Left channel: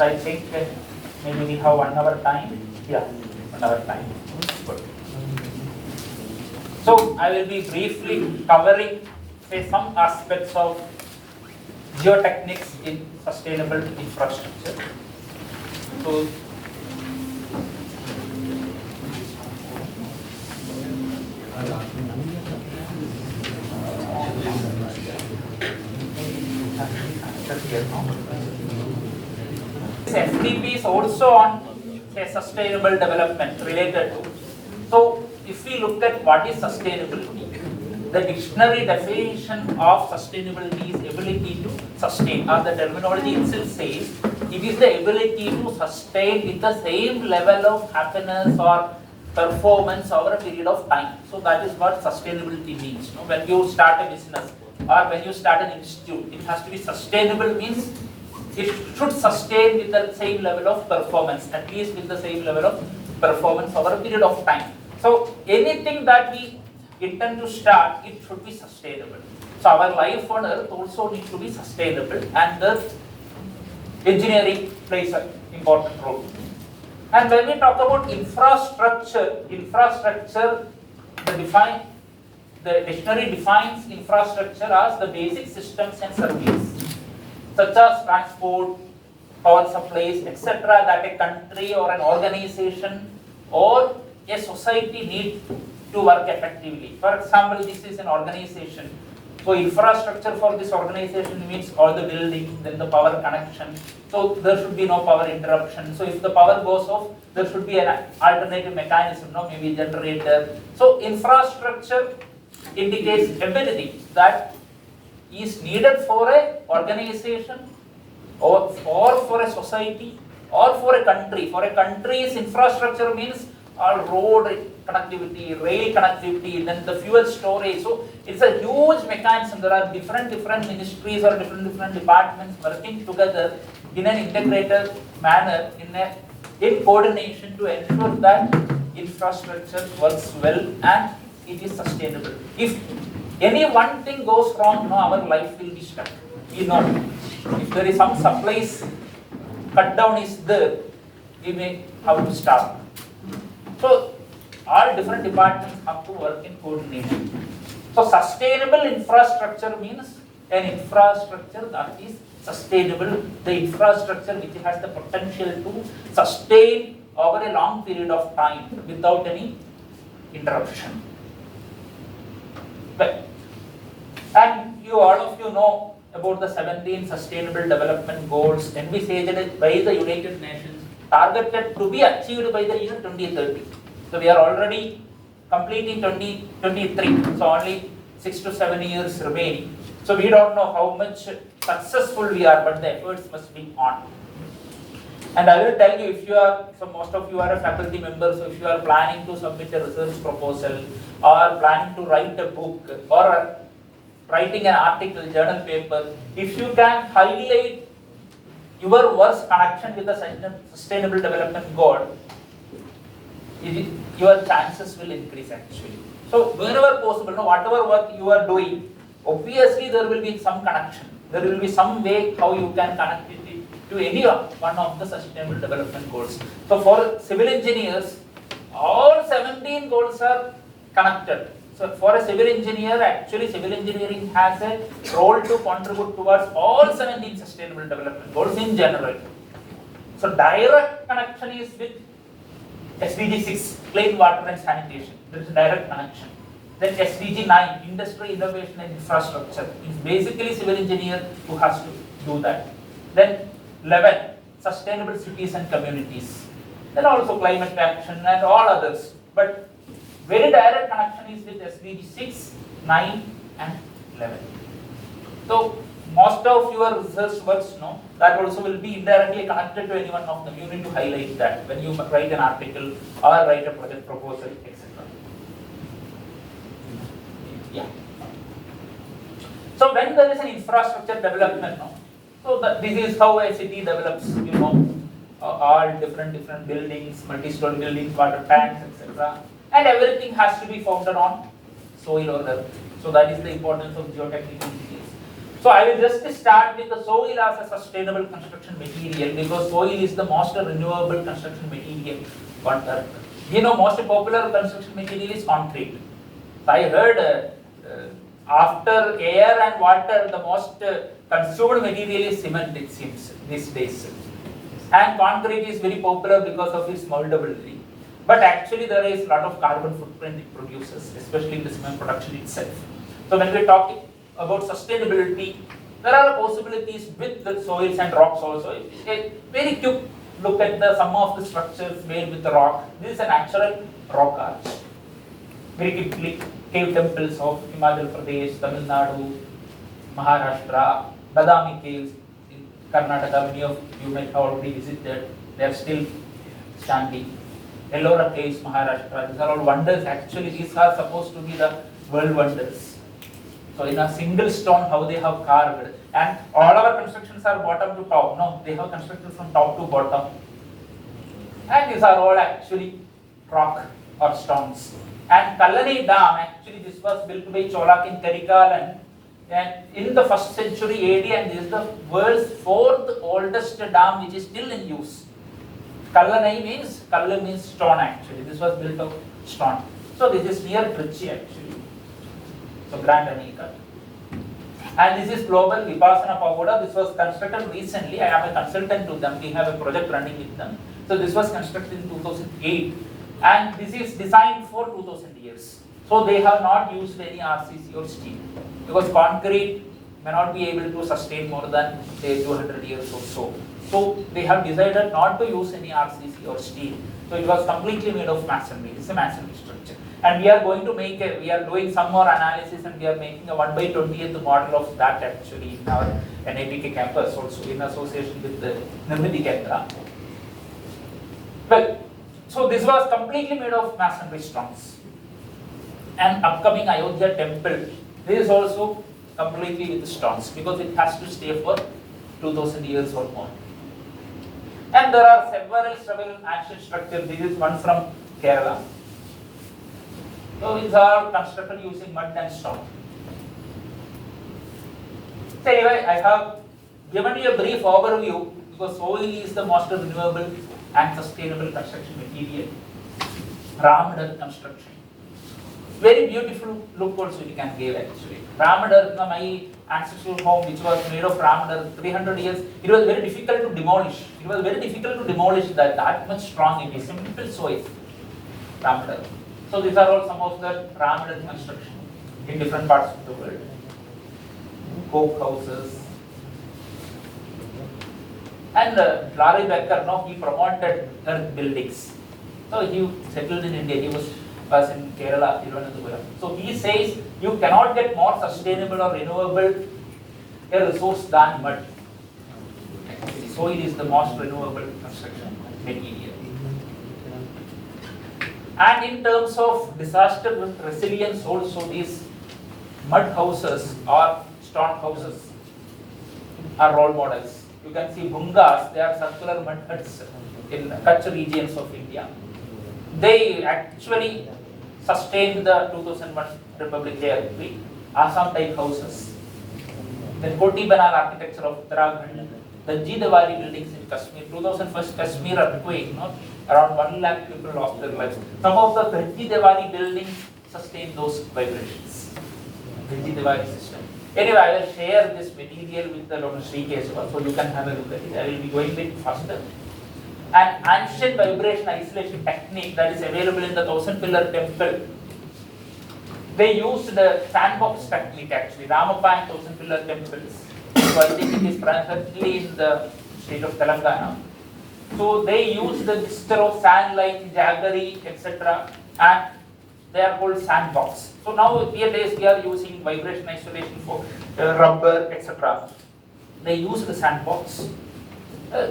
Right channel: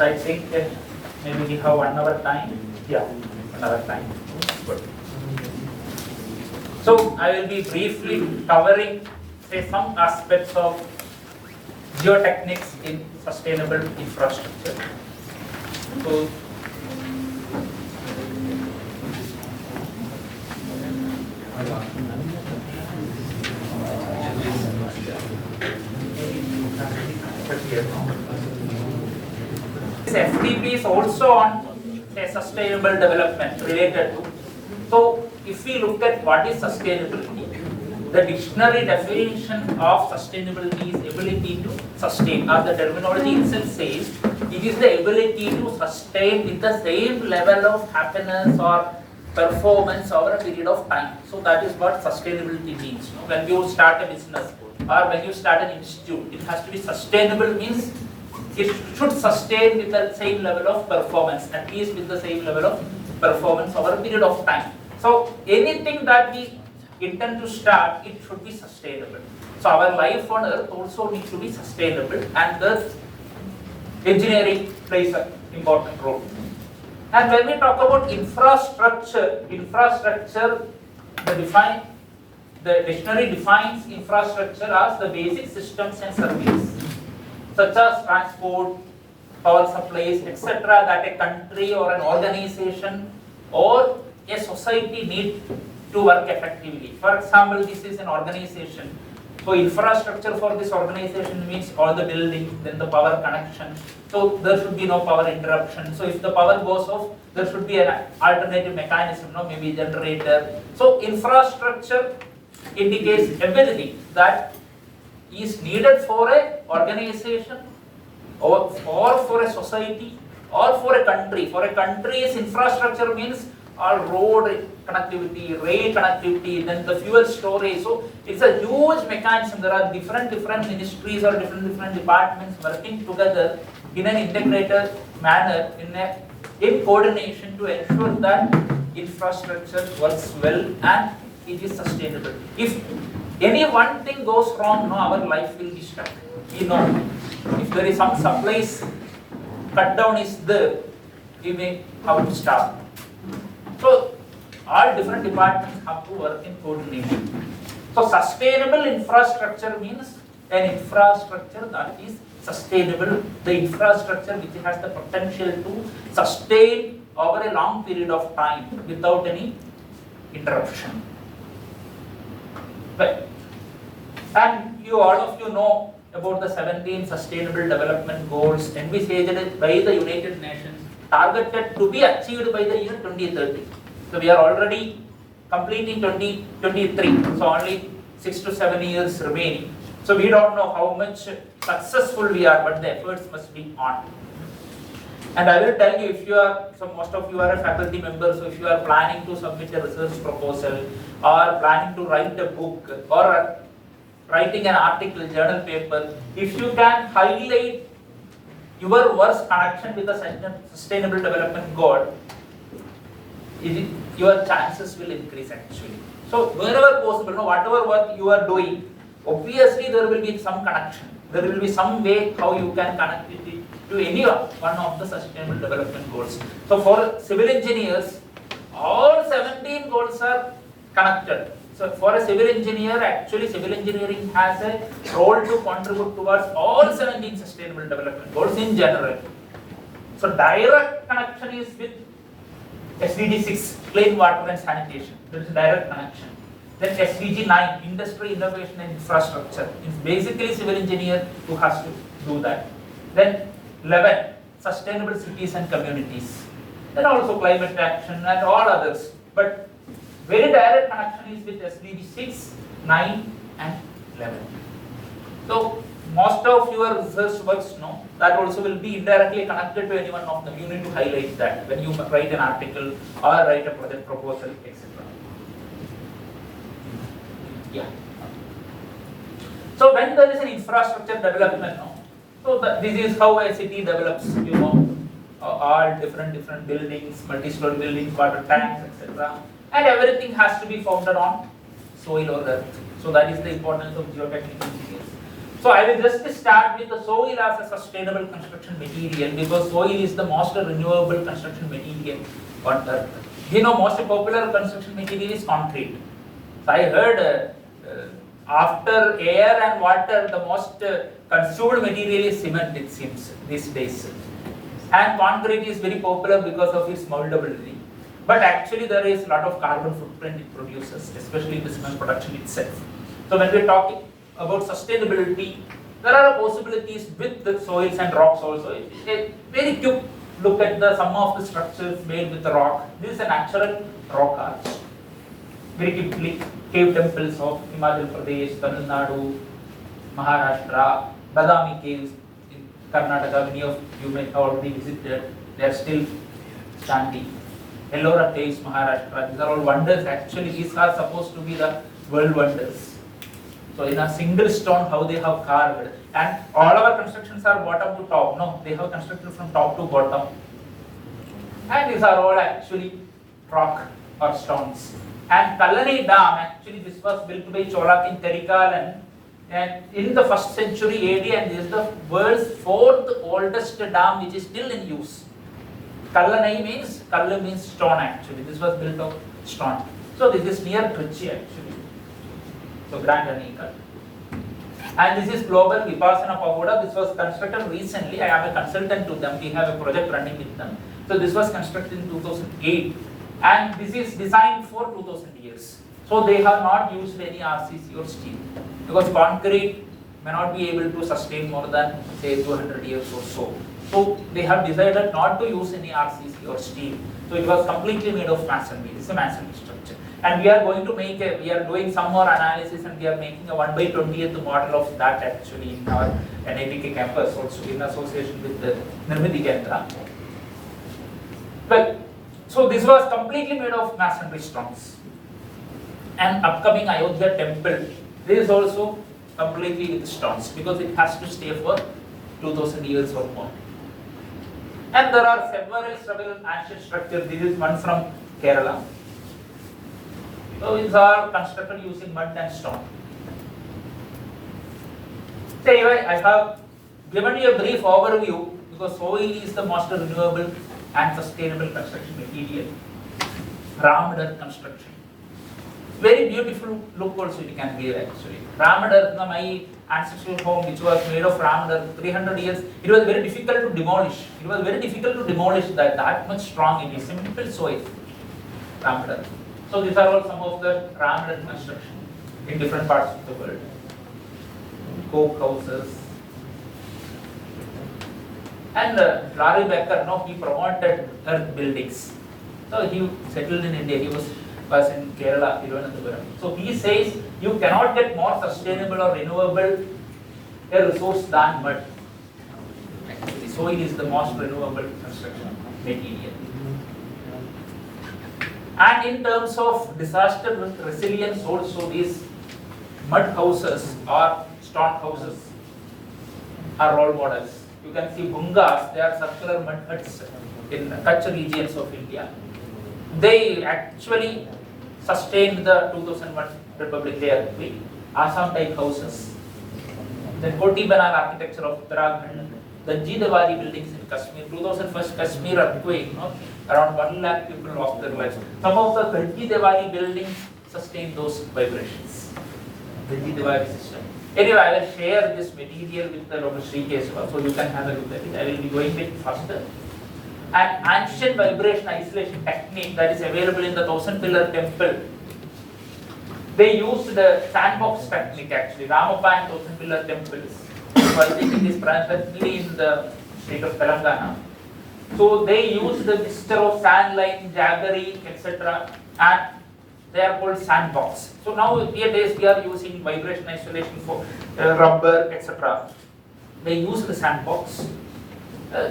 So I think maybe we have 1 hour time. Yeah, 1 hour time. Good. So I will be briefly covering some aspects of geotechnics in sustainable infrastructure. So this FDP is also on sustainable development related to. So if we look at what is sustainability, the dictionary definition of sustainability is ability to sustain, or the terminology itself says it is the ability to sustain with the same level of happiness or performance over a period of time. So that is what sustainability means. No? When you start a business or when you start an institute, it has to be sustainable, means it should sustain with the same level of performance, at least with the same level of performance over a period of time. So anything that we intend to start, it should be sustainable. So our life on earth also needs to be sustainable, and the engineering plays an important role. And when we talk about infrastructure, the dictionary defines infrastructure as the basic systems and services, such as transport, power supplies, etc., that a country or an organization or a society need to work effectively. For example, this is an organization. So infrastructure for this organization means all the building, then the power connection. So there should be no power interruption. So if the power goes off, there should be an alternative mechanism, no, maybe generator. So infrastructure indicates everything that is needed for an organization or for a society or for a country. For a country's infrastructure means all road connectivity, rail connectivity, then the fuel storage. So it's a huge mechanism. There are different ministries or different departments working together in an integrated manner, in coordination to ensure that infrastructure works well and it is sustainable. If any one thing goes wrong, no, our life will be stuck. You know, if there is some supplies cut down is there, we may have to stop. So all different departments have to work in coordination. So sustainable infrastructure means an infrastructure that is sustainable, the infrastructure which has the potential to sustain over a long period of time without any interruption. Well, and all of you know about the 17 Sustainable Development Goals envisaged by the United Nations, targeted to be achieved by the year 2030. So we are already completing 2023, so only 6 to 7 years remaining. So we don't know how much successful we are, but the efforts must be on. And I will tell you, if you are, so most of you are a faculty member, so if you are planning to submit a research proposal or planning to write a book or writing an article, journal paper, if you can highlight your work's connection with the Sustainable Development Goal, your chances will increase actually. So wherever possible, no, whatever work you are doing, obviously there will be some connection. There will be some way how you can connect it to any one of the Sustainable Development Goals. So for civil engineers, all 17 goals are connected. So for a civil engineer, actually civil engineering has a role to contribute towards all 17 Sustainable Development Goals in general. So direct connection is with SDG 6, clean water and sanitation. There is a direct connection. Then SDG 9, industrial innovation and infrastructure. It's basically civil engineer who has to do that. Then 11, sustainable cities and communities. Then also climate action and all others. But very direct connection is with SDG 6, 9 and 11. So most of your research works know that also will be indirectly connected to any one of them. You need to highlight that when you write an article or write a project proposal, etc. Yeah. So when there is an infrastructure development, no, so this is how a city develops. You know, all different buildings, multi-story buildings, water tanks, etc. And everything has to be founded on soil or earth. So that is the importance of geotechnical engineers. So I will just start with the soil as a sustainable construction material, because soil is the most renewable construction material on earth. You know, most popular construction material is concrete. So I heard after air and water, the most consumed material is cement, it seems, these days. And concrete is very popular because of its moldability. But actually there is a lot of carbon footprint it produces, especially in the cement production itself. So when we talk about sustainability, there are possibilities with the soils and rocks also. A very quick look at some of the structures made with the rock. This is a natural rock arch. Very quickly, cave temples of Himachal Pradesh, Tamil Nadu, Maharashtra, Badami caves in Karnataka. Many of you may have already visited. They are still standing. Ellora caves, Maharashtra. These are all wonders. Actually, these are supposed to be the world wonders. So in a single stone, how they have carved, and all our constructions are bottom to top. No, they have constructed from top to bottom. And these are all actually rock or stones. And Kallari Dam, actually this was built by Cholak in Karikalan and in the 1st century AD, and this is the world's 4th oldest dam which is still in use. Kallanai means, Kallu means stone actually. This was built of stone. So this is near Trichy actually. So Grand Anikal. And this is Global Vipassana Pagoda. This was constructed recently. I have a consultant to them. We have a project running with them. So this was constructed in 2008. And this is designed for 2000 years. So they have not used any RCC or steel. Because concrete may not be able to sustain more than say 200 years or so. So they have decided not to use any RCC or steel. So it was completely made of masonry. It's a masonry structure. And we are going to make we are doing some more analysis, and we are making a 1/20th model of that actually in our NIPK campus also in association with the Nirmiti Kendra. Well, so this was completely made of masonry stones. And upcoming Ayodhya temple, this is also completely with stones because it has to stay for 2000 years or more. And there are several ancient structures. This is one from Kerala. So these are constructed using mud and stone. So anyway, I have given you a brief overview because soil is the most renewable and sustainable construction material. Rammed earth construction. Very beautiful look also we can give actually. Rammed earth, my ancestral home which was made of rammed earth 300 years, it was very difficult to demolish. It was very difficult to demolish that much strong it is. Simple soil. Rammed earth. So these are all some of the rammed earth construction in different parts of the world. Coke houses. And Larry Becker, he promoted earth buildings. So he settled in India. He was in Kerala, Thiruvananthapuram. So he says you cannot get more sustainable or renewable a resource than mud. Actually, soil is the most renewable construction material. And in terms of disaster resilience also, these mud houses or stone houses are role models. You can see bungas, they are circular mud huts in Kutch regions of India. They actually sustained the 2001 Republic Day earthquake. Assam type houses. Then Koti Banar architecture of Uttarakhand. The Jidawari buildings in Kashmir. 2001 Kashmir earthquake, around 1 lakh people lost their lives. Some of the Jidawari buildings sustain those vibrations. The Jidawari system. Anyway, I will share this material with the Dr.SreeKeshava so you can have a look at it. I will be going a bit faster. An ancient vibration isolation technique that is available in the 1000-pillar temple. They used the sandbox technique actually, Ramappa and 1000-pillar temples. So I think it is presently in the state of Telangana. So they used the mixture of sand, lime, jaggery, etc. and they are called sandbox. So now nowadays we are using vibration isolation for rubber, etc. They use the sandbox.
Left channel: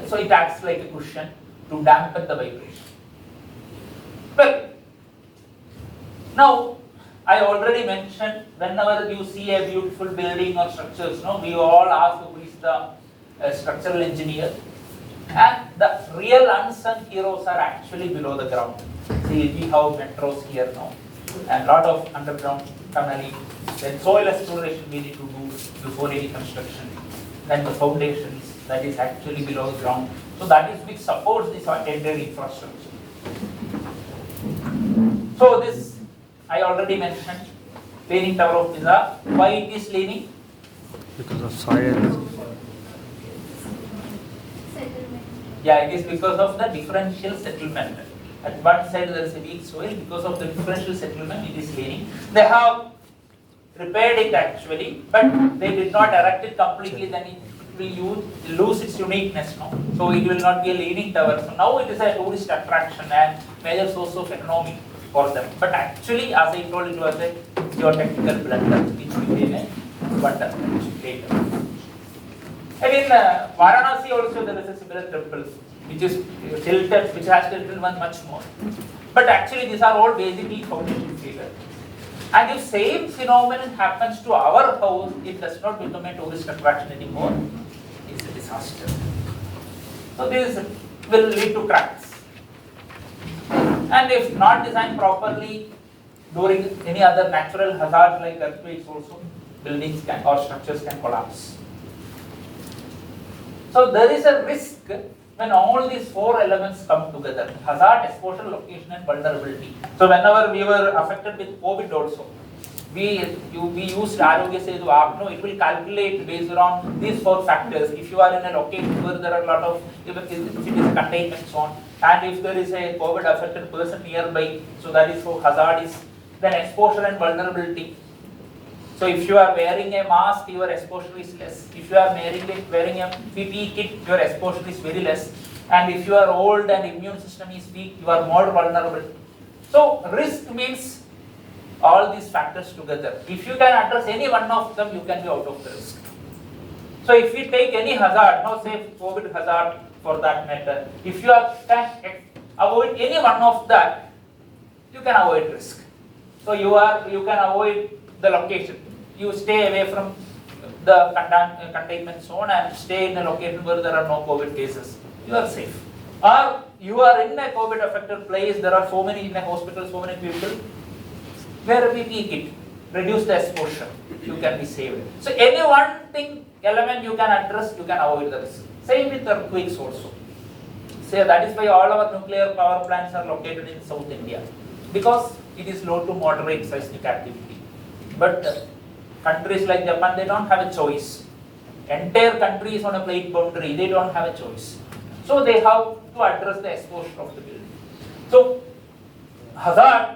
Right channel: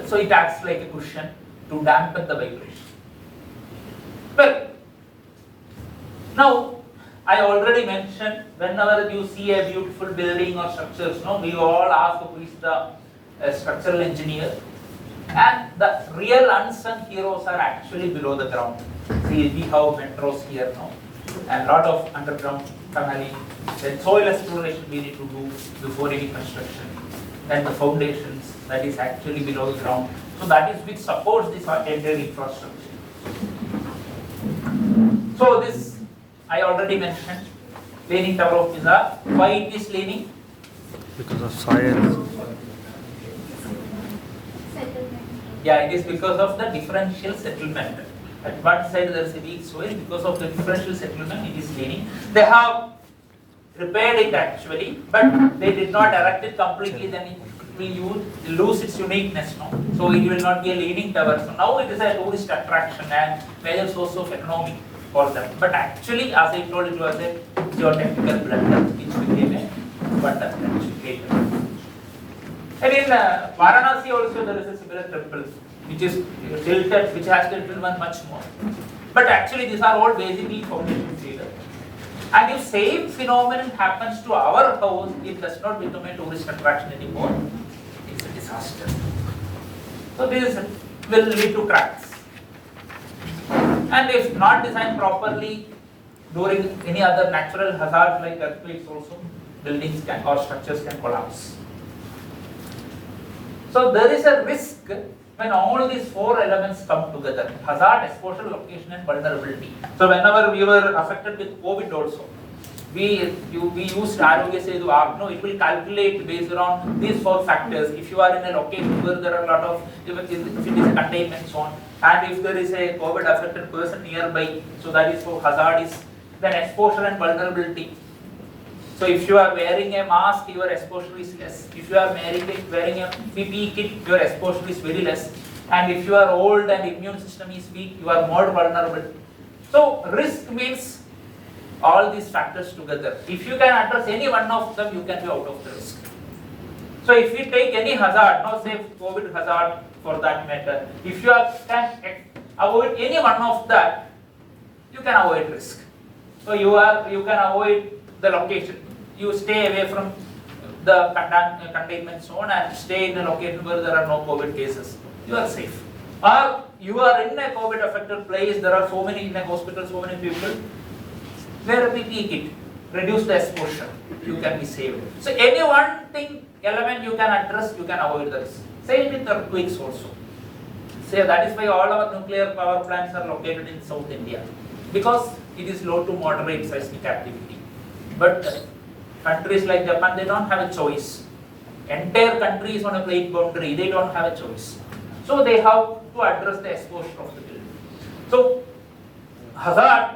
So it acts like a cushion to dampen the vibration. Well, now I already mentioned whenever you see a beautiful building or structures, we all ask who is the structural engineer. And the real unsung heroes are actually below the ground. See, we have metros here now, and a lot of underground tunneling, then soil exploration we need to do before any construction, then the foundations that is actually below the ground. So that is which supports this entire infrastructure. So this I already mentioned, leaning Tower of Pisa. Why it is leaning? Because of soil. Yeah, it is because of the differential settlement. At one side there is a weak soil, because of the differential settlement it is leaning. They have repaired it actually, but they did not erect it completely, then it will lose its uniqueness now. So it will not be a leaning tower. So now it is a tourist attraction and major source of economy for them. But actually, as I told, it was a geotechnical blunder which became a wonder later. And in Varanasi also there is a similar temple which is tilted, which has tilted one much more. But actually these are all basically foundation failure. And if same phenomenon happens to our house, it does not become a tourist attraction anymore. It's a disaster. So this will lead to cracks. And if not designed properly during any other natural hazard like earthquakes also, buildings can, or structures can collapse. So there is a risk when all these four elements come together: hazard, exposure, location and vulnerability. So whenever we were affected with COVID also, we used Arogya Setu app. No, it will calculate based on these four factors. If you are in a location where there are a lot of, if it is a containment zone, and if there is a COVID affected person nearby, so that is for hazard is, then exposure and vulnerability. So if you are wearing a mask, your exposure is less. If you are wearing a PPE kit, your exposure is very less. And if you are old and immune system is weak, you are more vulnerable. So risk means all these factors together. If you can address any one of them, you can be out of the risk. So if you take any hazard, no say COVID hazard for that matter, if you can avoid any one of that, you can avoid risk. So you can avoid the location. You stay away from the containment zone and stay in a location where there are no COVID cases. You are safe. Or you are in a COVID affected place, there are so many in a hospital, so many people. Wear a PPE kit, reduce the exposure, you can be saved. So any one thing, element you can address, you can avoid the risk. Same with earthquakes also. So that is why all our nuclear power plants are located in South India, because it is low to moderate seismic activity. But countries like Japan, they don't have a choice. Entire country is on a plate boundary, they don't have a choice. So they have to address the exposure of the building. So hazard,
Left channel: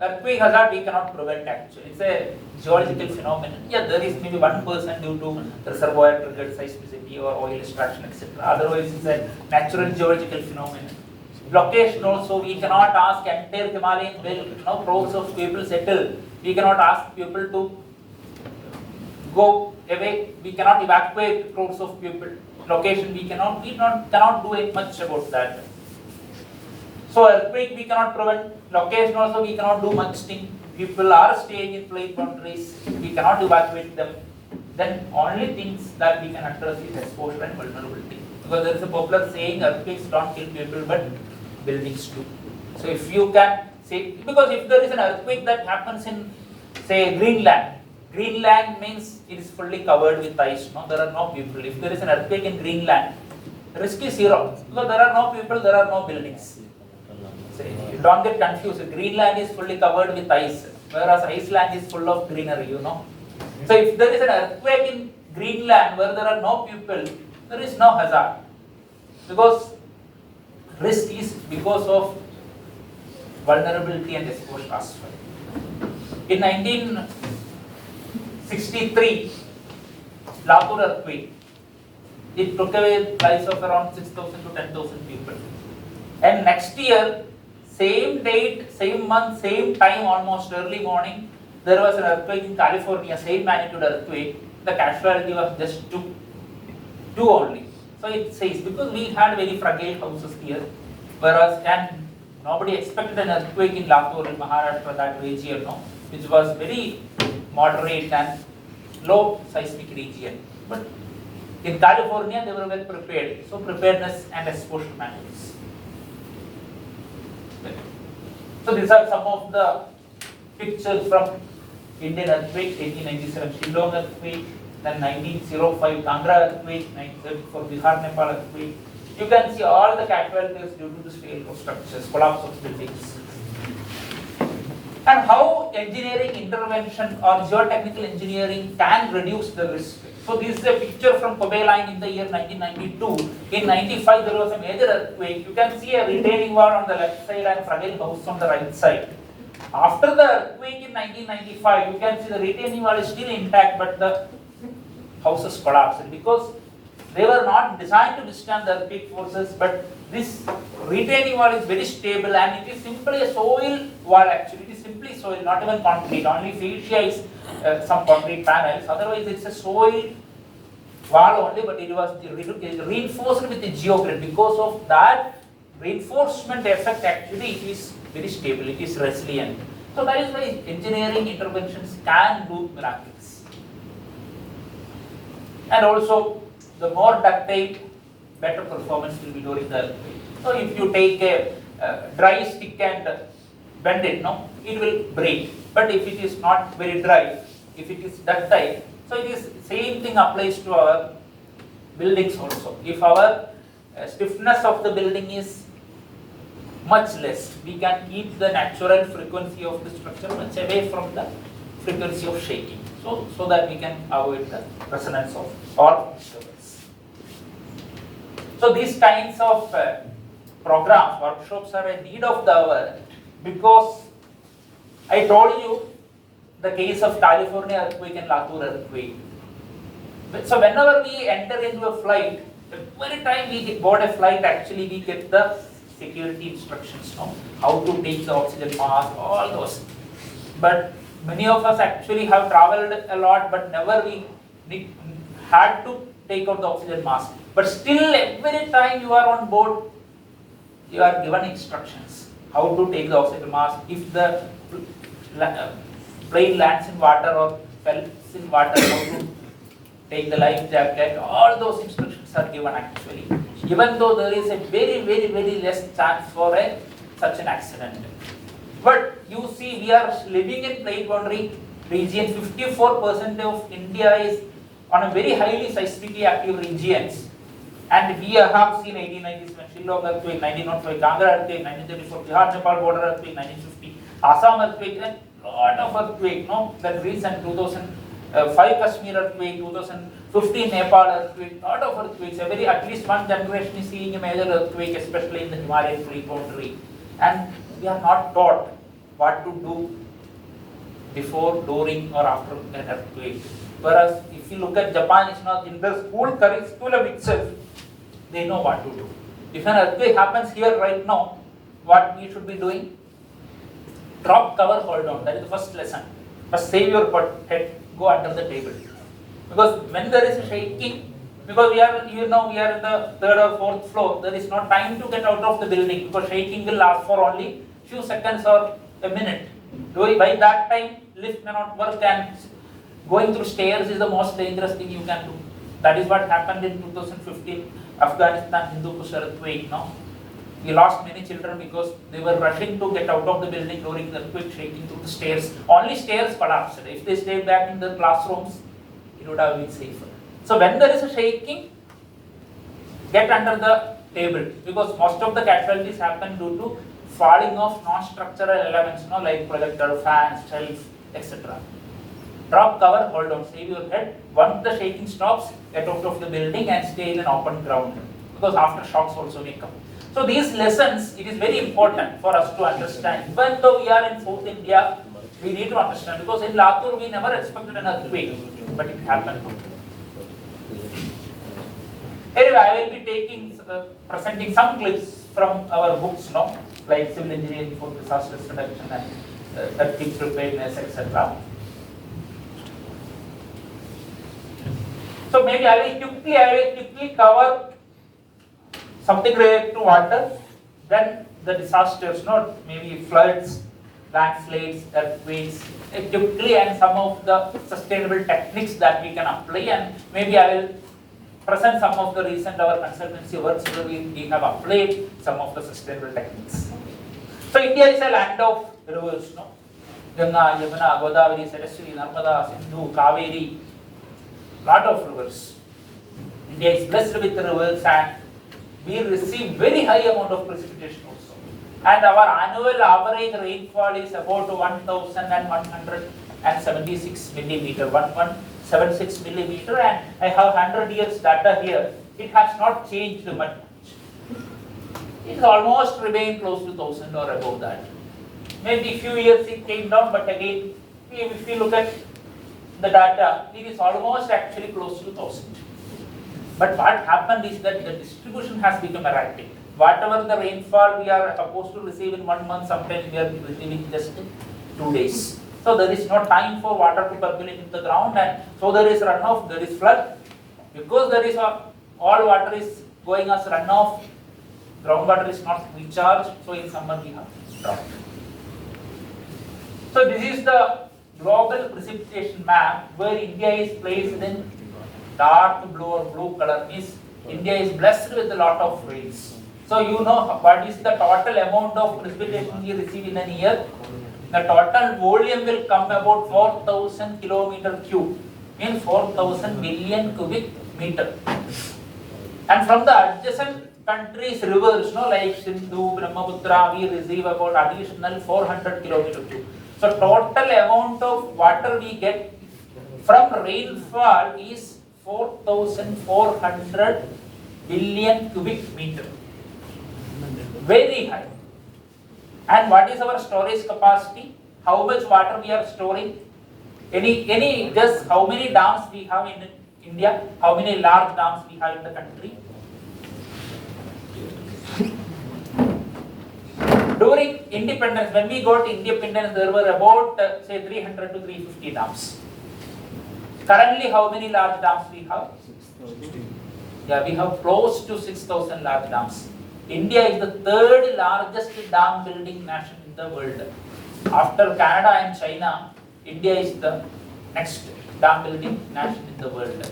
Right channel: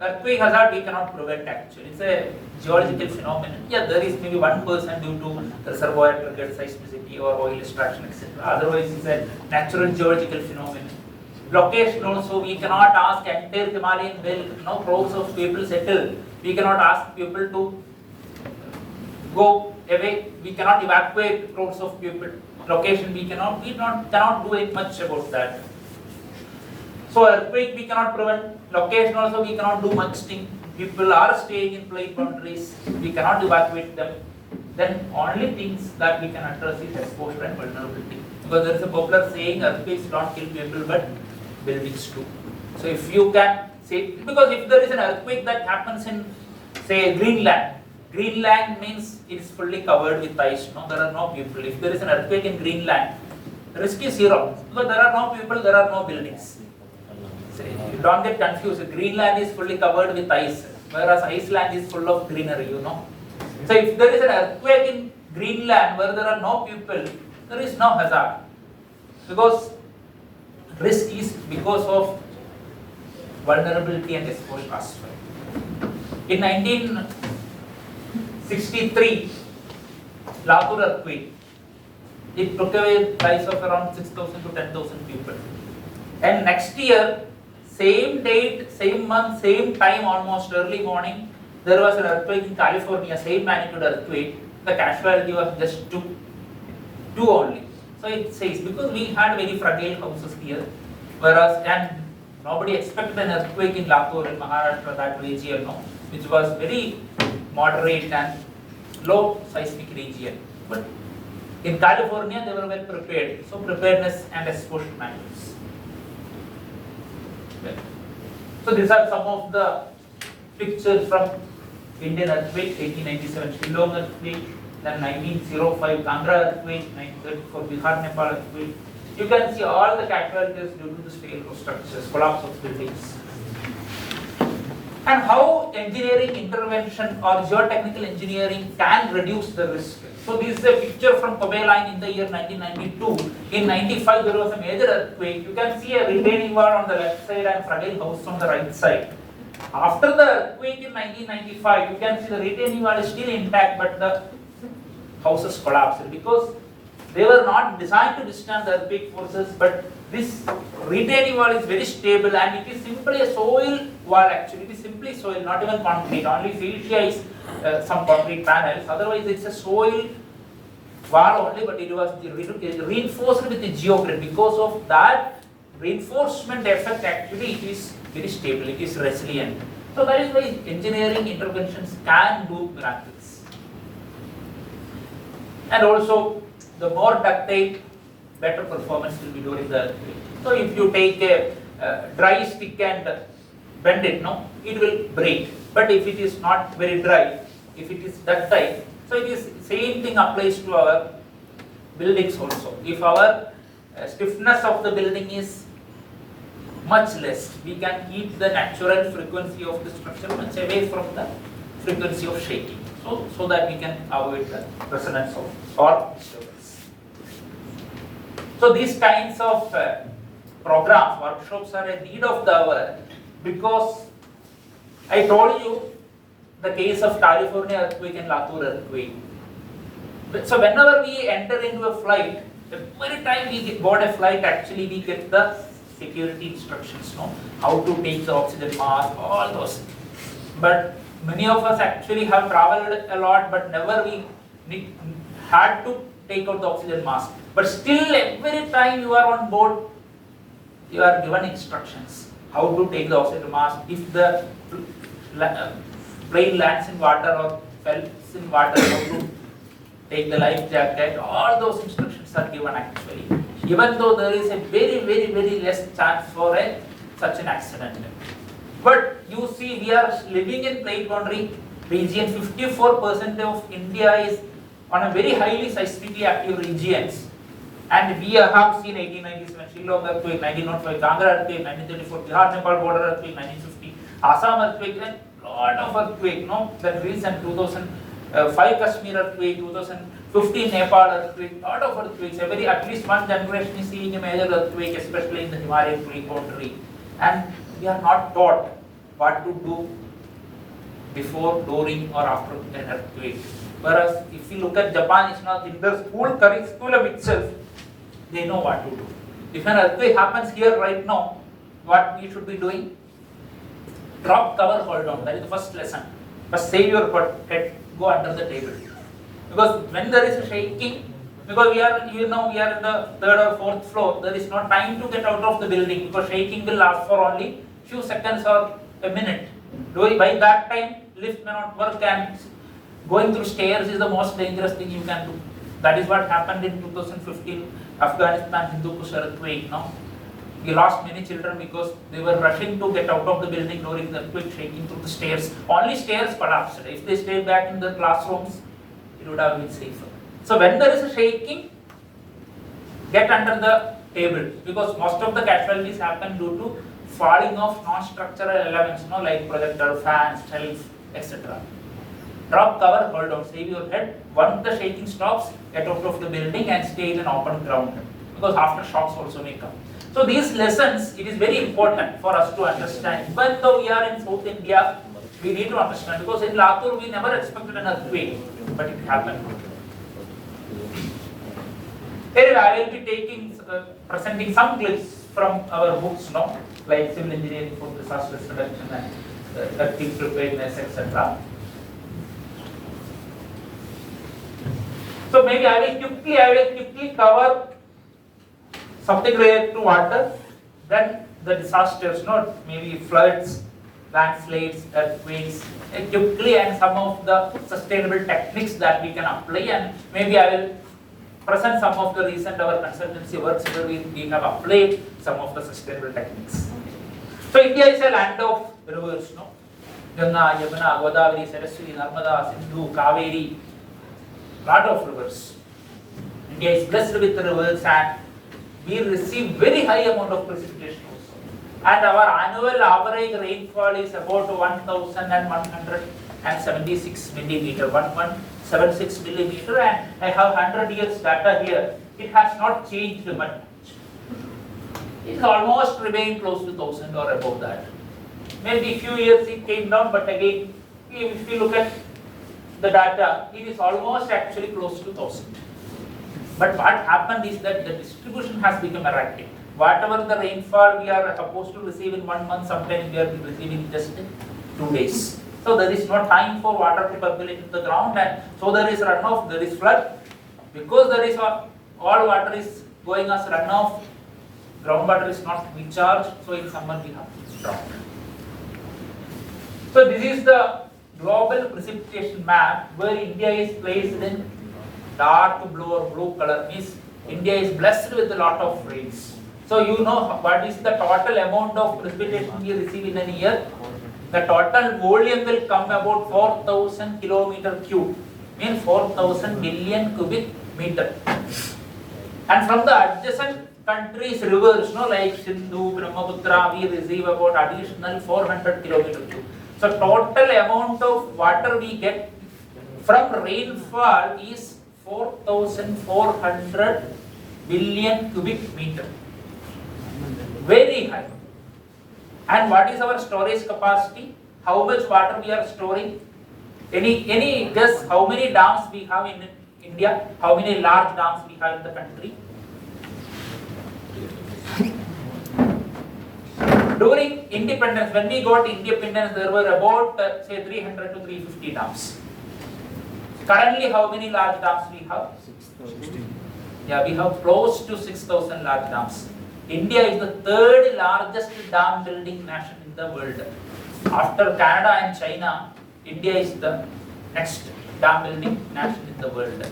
earthquake hazard we cannot prevent actually. It's a geological phenomenon. Yeah, there is maybe 1% due to reservoir triggered seismicity or oil extraction, etc. Otherwise it's a natural geological phenomenon. Location also, we cannot ask entire Himalayan belt, crores of people settle. We cannot ask people to go away. We cannot evacuate crores of people. Location we cannot do much about that. So earthquake we cannot prevent. Location also we cannot do much thing. People are staying in plate boundaries. We cannot evacuate them. Then only things that we can address is exposure and vulnerability. Because there is a popular saying, earthquakes don't kill people but buildings do. So if you can say, because if there is an earthquake that happens in say Greenland means it is fully covered with ice. No, there are no people. If there is an earthquake in Greenland, the risk is zero because there are no people, there are no buildings. So you don't get confused. Greenland is fully covered with ice, whereas Iceland is full of greenery. So if there is an earthquake in Greenland where there are no people, there is no hazard because risk is because of vulnerability and exposure as well. In 1963, Latur earthquake, it took away lives of around 6,000 to 10,000 people. And next year, same date, same month, same time, almost early morning, there was an earthquake in California, same magnitude earthquake. The casualty was just two only. So it says, because we had very fragile houses here, whereas, and nobody expected an earthquake in Latur in Maharashtra, that region, which was very moderate and low seismic region. But in California, they were well prepared. So preparedness and exposure matters. Okay. So these are some of the pictures from Indian earthquake, 1897 Shillong earthquake, then 1905 Kangra earthquake, 1934 Bihar Nepal earthquake. You can see all the casualties due to the failure of structures, collapse of buildings. And how engineering intervention or geotechnical engineering can reduce the risk. So this is a picture from Kobe Line in the year 1992. In 95 there was a major earthquake. You can see a retaining wall on the left side and fragile house on the right side. After the earthquake in 1995, you can see the retaining wall is still intact, but the houses collapsed because they were not designed to withstand the earthquake forces, but this retaining wall is very stable and it is simply a soil wall actually. It is simply soil, not even concrete. Only fascia is some concrete panels. Otherwise, it's a soil wall only, but it was reinforced with the geogrid. Because of that reinforcement effect, actually, it is very stable. It is resilient. So that is why engineering interventions can do miracles. And also, the more ductile, better performance will be during the earthquake. So if you take a dry stick and bend it, no, it will break. But if it is not very dry, if it is ductile, so it is same thing applies to our buildings also. If our stiffness of the building is much less, we can keep the natural frequency of the structure much away from the frequency of shaking. So that we can avoid the resonance of or disturbance. So these kinds of programs, workshops are a need of the hour because I told you the case of California earthquake and Latur earthquake. So whenever we enter into a flight, every time we board a flight, actually we get the security instructions, no? How to take the oxygen mask, all those. But many of us actually have traveled a lot, but never we had to take out the oxygen mask. But still, every time you are on board, you are given instructions how to take the oxygen mask. If the plane lands in water or falls in water, how to take the life jacket. All those instructions are given actually. Even though there is a very less chance for such an accident. But you see, we are living in plate boundary region. 54% of India is on a very highly seismically active regions. And we have seen 1897 Shillong earthquake, 1905 Kangra earthquake, 1934 Bihar Nepal border earthquake, 1950 Assam earthquake, and lot of earthquake. No, the recent 2005 Kashmir earthquake, 2015 Nepal earthquake, lot of earthquakes. At least one generation is seeing a major earthquake, especially in the Himalayan plate boundary. And we are not taught what to do before, during, or after an earthquake. Whereas if you look at Japan, it's not in the school curriculum itself, they know what to do. If an earthquake happens here right now, what we should be doing? Drop, cover, hold on. That is the first lesson. First save your head, go under the table. Because when there is a shaking, because we are in the third or fourth floor, there is no time to get out of the building because shaking will last for only few seconds or a minute. By that time, lift may not work and going through stairs is the most dangerous thing you can do. That is what happened in 2015 Afghanistan Hindu Kush earthquake. No? We lost many children because they were rushing to get out of the building during the earthquake, shaking through the stairs. Only stairs collapsed. If they stayed back in the classrooms, it would have been safer. So when there is a shaking, get under the table because most of the casualties happen due to falling of non-structural elements, like projector, fans, shelves, etc. Drop, cover, hold on, save your head. Once the shaking stops, get out of the building and stay in an open ground because aftershocks also may come. So these lessons, it is very important for us to understand. Even though we are in South India, we need to understand because in Latur we never expected an earthquake, but it happened. Anyway, I will be presenting some clips from our books, like Civil Engineering for Disaster Reduction and Earthquake Preparedness, etc. So maybe I will quickly cover something related to water, then the disasters, maybe floods, landslides, earthquakes, quickly, and some of the sustainable techniques that we can apply, and maybe I will present some of the recent our consultancy works where we have applied some of the sustainable techniques. So India is a land of rivers, Ganga, Yamuna, Godavari, Saraswati, Narmada, Sindhu, Kaveri, lot of rivers. India is blessed with the rivers and we receive very high amount of precipitation also. And our annual average rainfall is about 1176 millimeter, 1176 millimeter, and I have 100 years data here. It has not changed much. It has almost remained close to 1000 or above that. Maybe few years it came down, but again, if we look at the data, it is almost actually close to 1000. But what happened is that the distribution has become erratic. Whatever the rainfall we are supposed to receive in 1 month, sometimes we are receiving just in 2 days. So there is no time for water to percolate into the ground, and so there is runoff, there is flood. Because there is all water is going as runoff, groundwater is not recharged, so in summer we have drought. So this is the global precipitation map where India is placed in dark blue or blue color, means India is blessed with a lot of rains. So you know what is the total amount of precipitation we receive in a year? The total volume will come about 4000 kilometer cube, means 4000 million cubic meter. And from the adjacent countries' rivers, like Sindhu, Brahmaputra, we receive about additional 400 kilometer cube. So total amount of water we get from rainfall is 4400 billion cubic meter. Very high. And what is our storage capacity? How much water we are storing? Any guess how many dams we have in India? How many large dams we have in the country? During independence, when we got independence, there were about say 300 to 350 dams. Currently, how many large dams we have? 6,000. Yeah, we have close to 6,000 large dams. India is the third largest dam building nation in the world. After Canada and China, India is the next dam building nation in the world.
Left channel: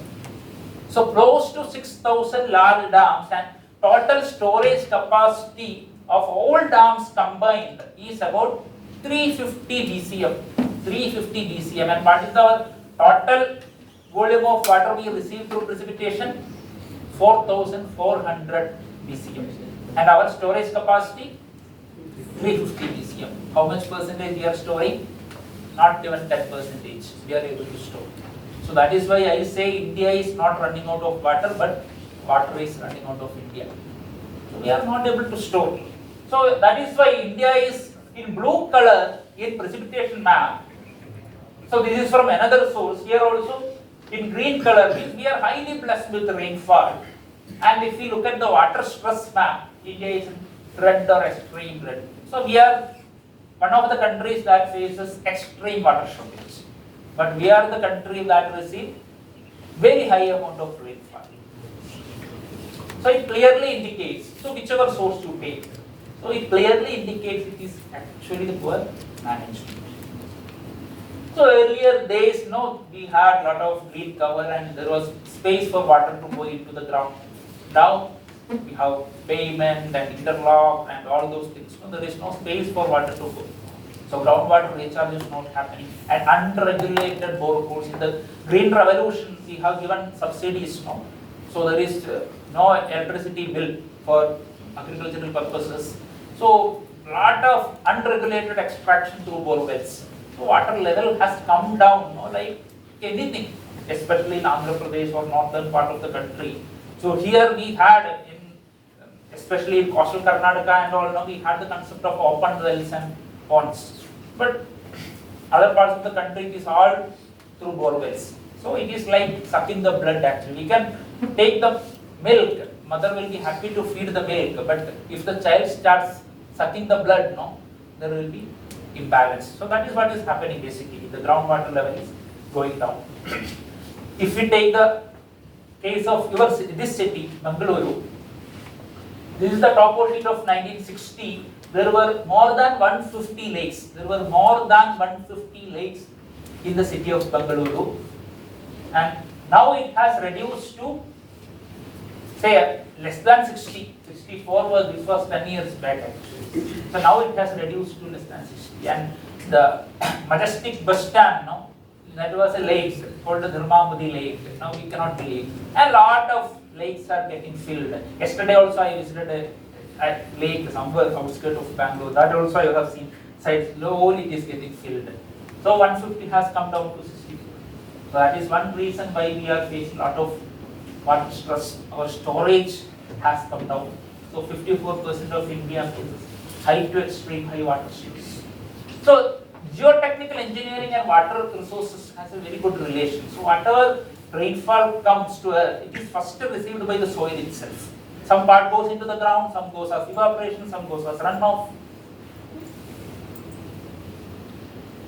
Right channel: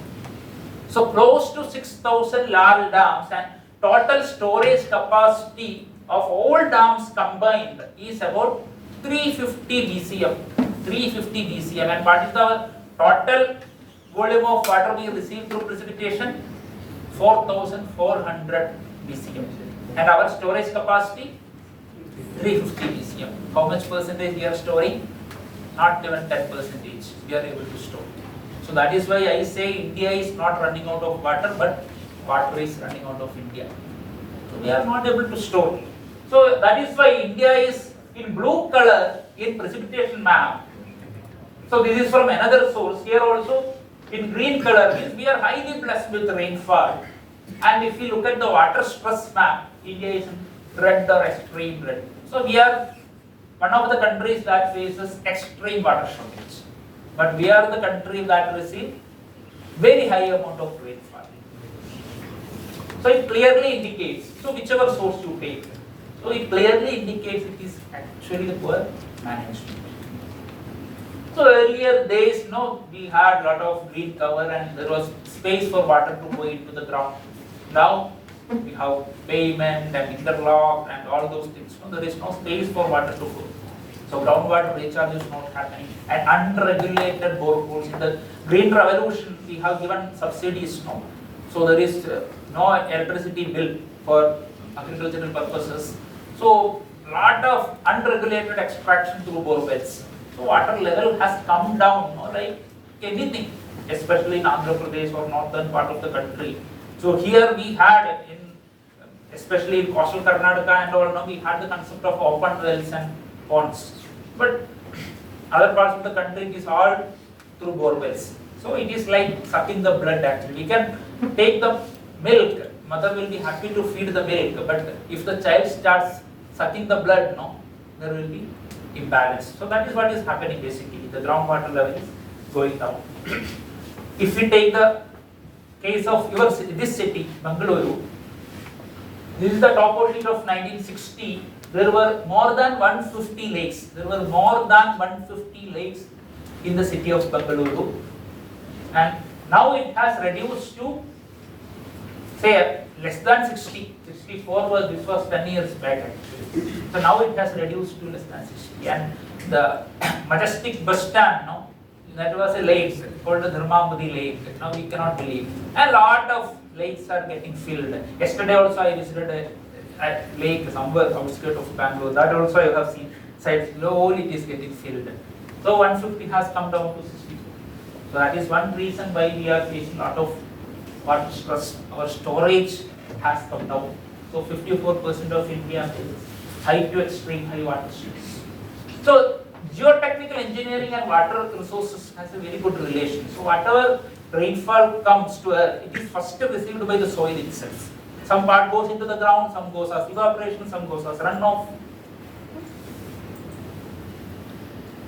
So close to 6,000 large dams, and total storage capacity of all dams combined is about 350 BCM. 350 BCM. And what is the total volume of water we receive through precipitation? 4,400 BCM. And our storage capacity? 350 BCM. How much percentage we are storing? Not even 10% we are able to store. So that is why I say India is not running out of water, but water is running out of India. So we are not able to store. So that is why India is in blue color in precipitation map. So this is from another source. Here also in green color means we are highly blessed with rainfall. And if we look at the water stress map, India is red or extreme red. So we are one of the countries that faces extreme water shortage. But we are the country that receives very high amount of rainfall. So it clearly indicates, so whichever source you take, so it clearly indicates it is actually the poor management. So earlier days, we had a lot of green cover and there was space for water to go into the ground. Now we have pavement and interlock and all those things. So there is no space for water to go. So groundwater recharge is not happening. And unregulated boreholes. In the green revolution, we have given subsidies now. So there is no electricity bill for agricultural purposes. So lot of unregulated extraction through bore wells. So water level has come down, like anything, especially in Andhra Pradesh or northern part of the country. So here we had, especially in coastal Karnataka and all, we had the concept of open wells and ponds. But other parts of the country it is all through bore wells. So it is like sucking the blood actually. We can take the milk, mother will be happy to feed the milk, but if the child starts sucking the blood, there will be imbalance. So that is what is happening basically. The groundwater level is going down. If we take the case of this city, Bangalore, this is the top sheet of 1960. There were more than 150 lakes. There were more than 150 lakes in the city of Bangalore. And now it has reduced to say less than 60, 64 was, this was 10 years back actually. So now it has reduced to less than 60. And the majestic bus stand, no, that was a lake called the Dharmamudi Lake. Now we cannot believe. And a lot of lakes are getting filled. Yesterday also I visited a lake somewhere outskirts of Bangalore. That also I have seen. Slowly it is getting filled. So 150 has come down to 64. So that is one reason why we are facing a lot of water stress. Our storage has come down. So 54% of India faces high to extreme high water stress. So geotechnical engineering and water resources has a very good relation. So whatever rainfall comes to earth, it is first received by the soil itself. Some part goes into the ground, some goes as evaporation, some goes as runoff.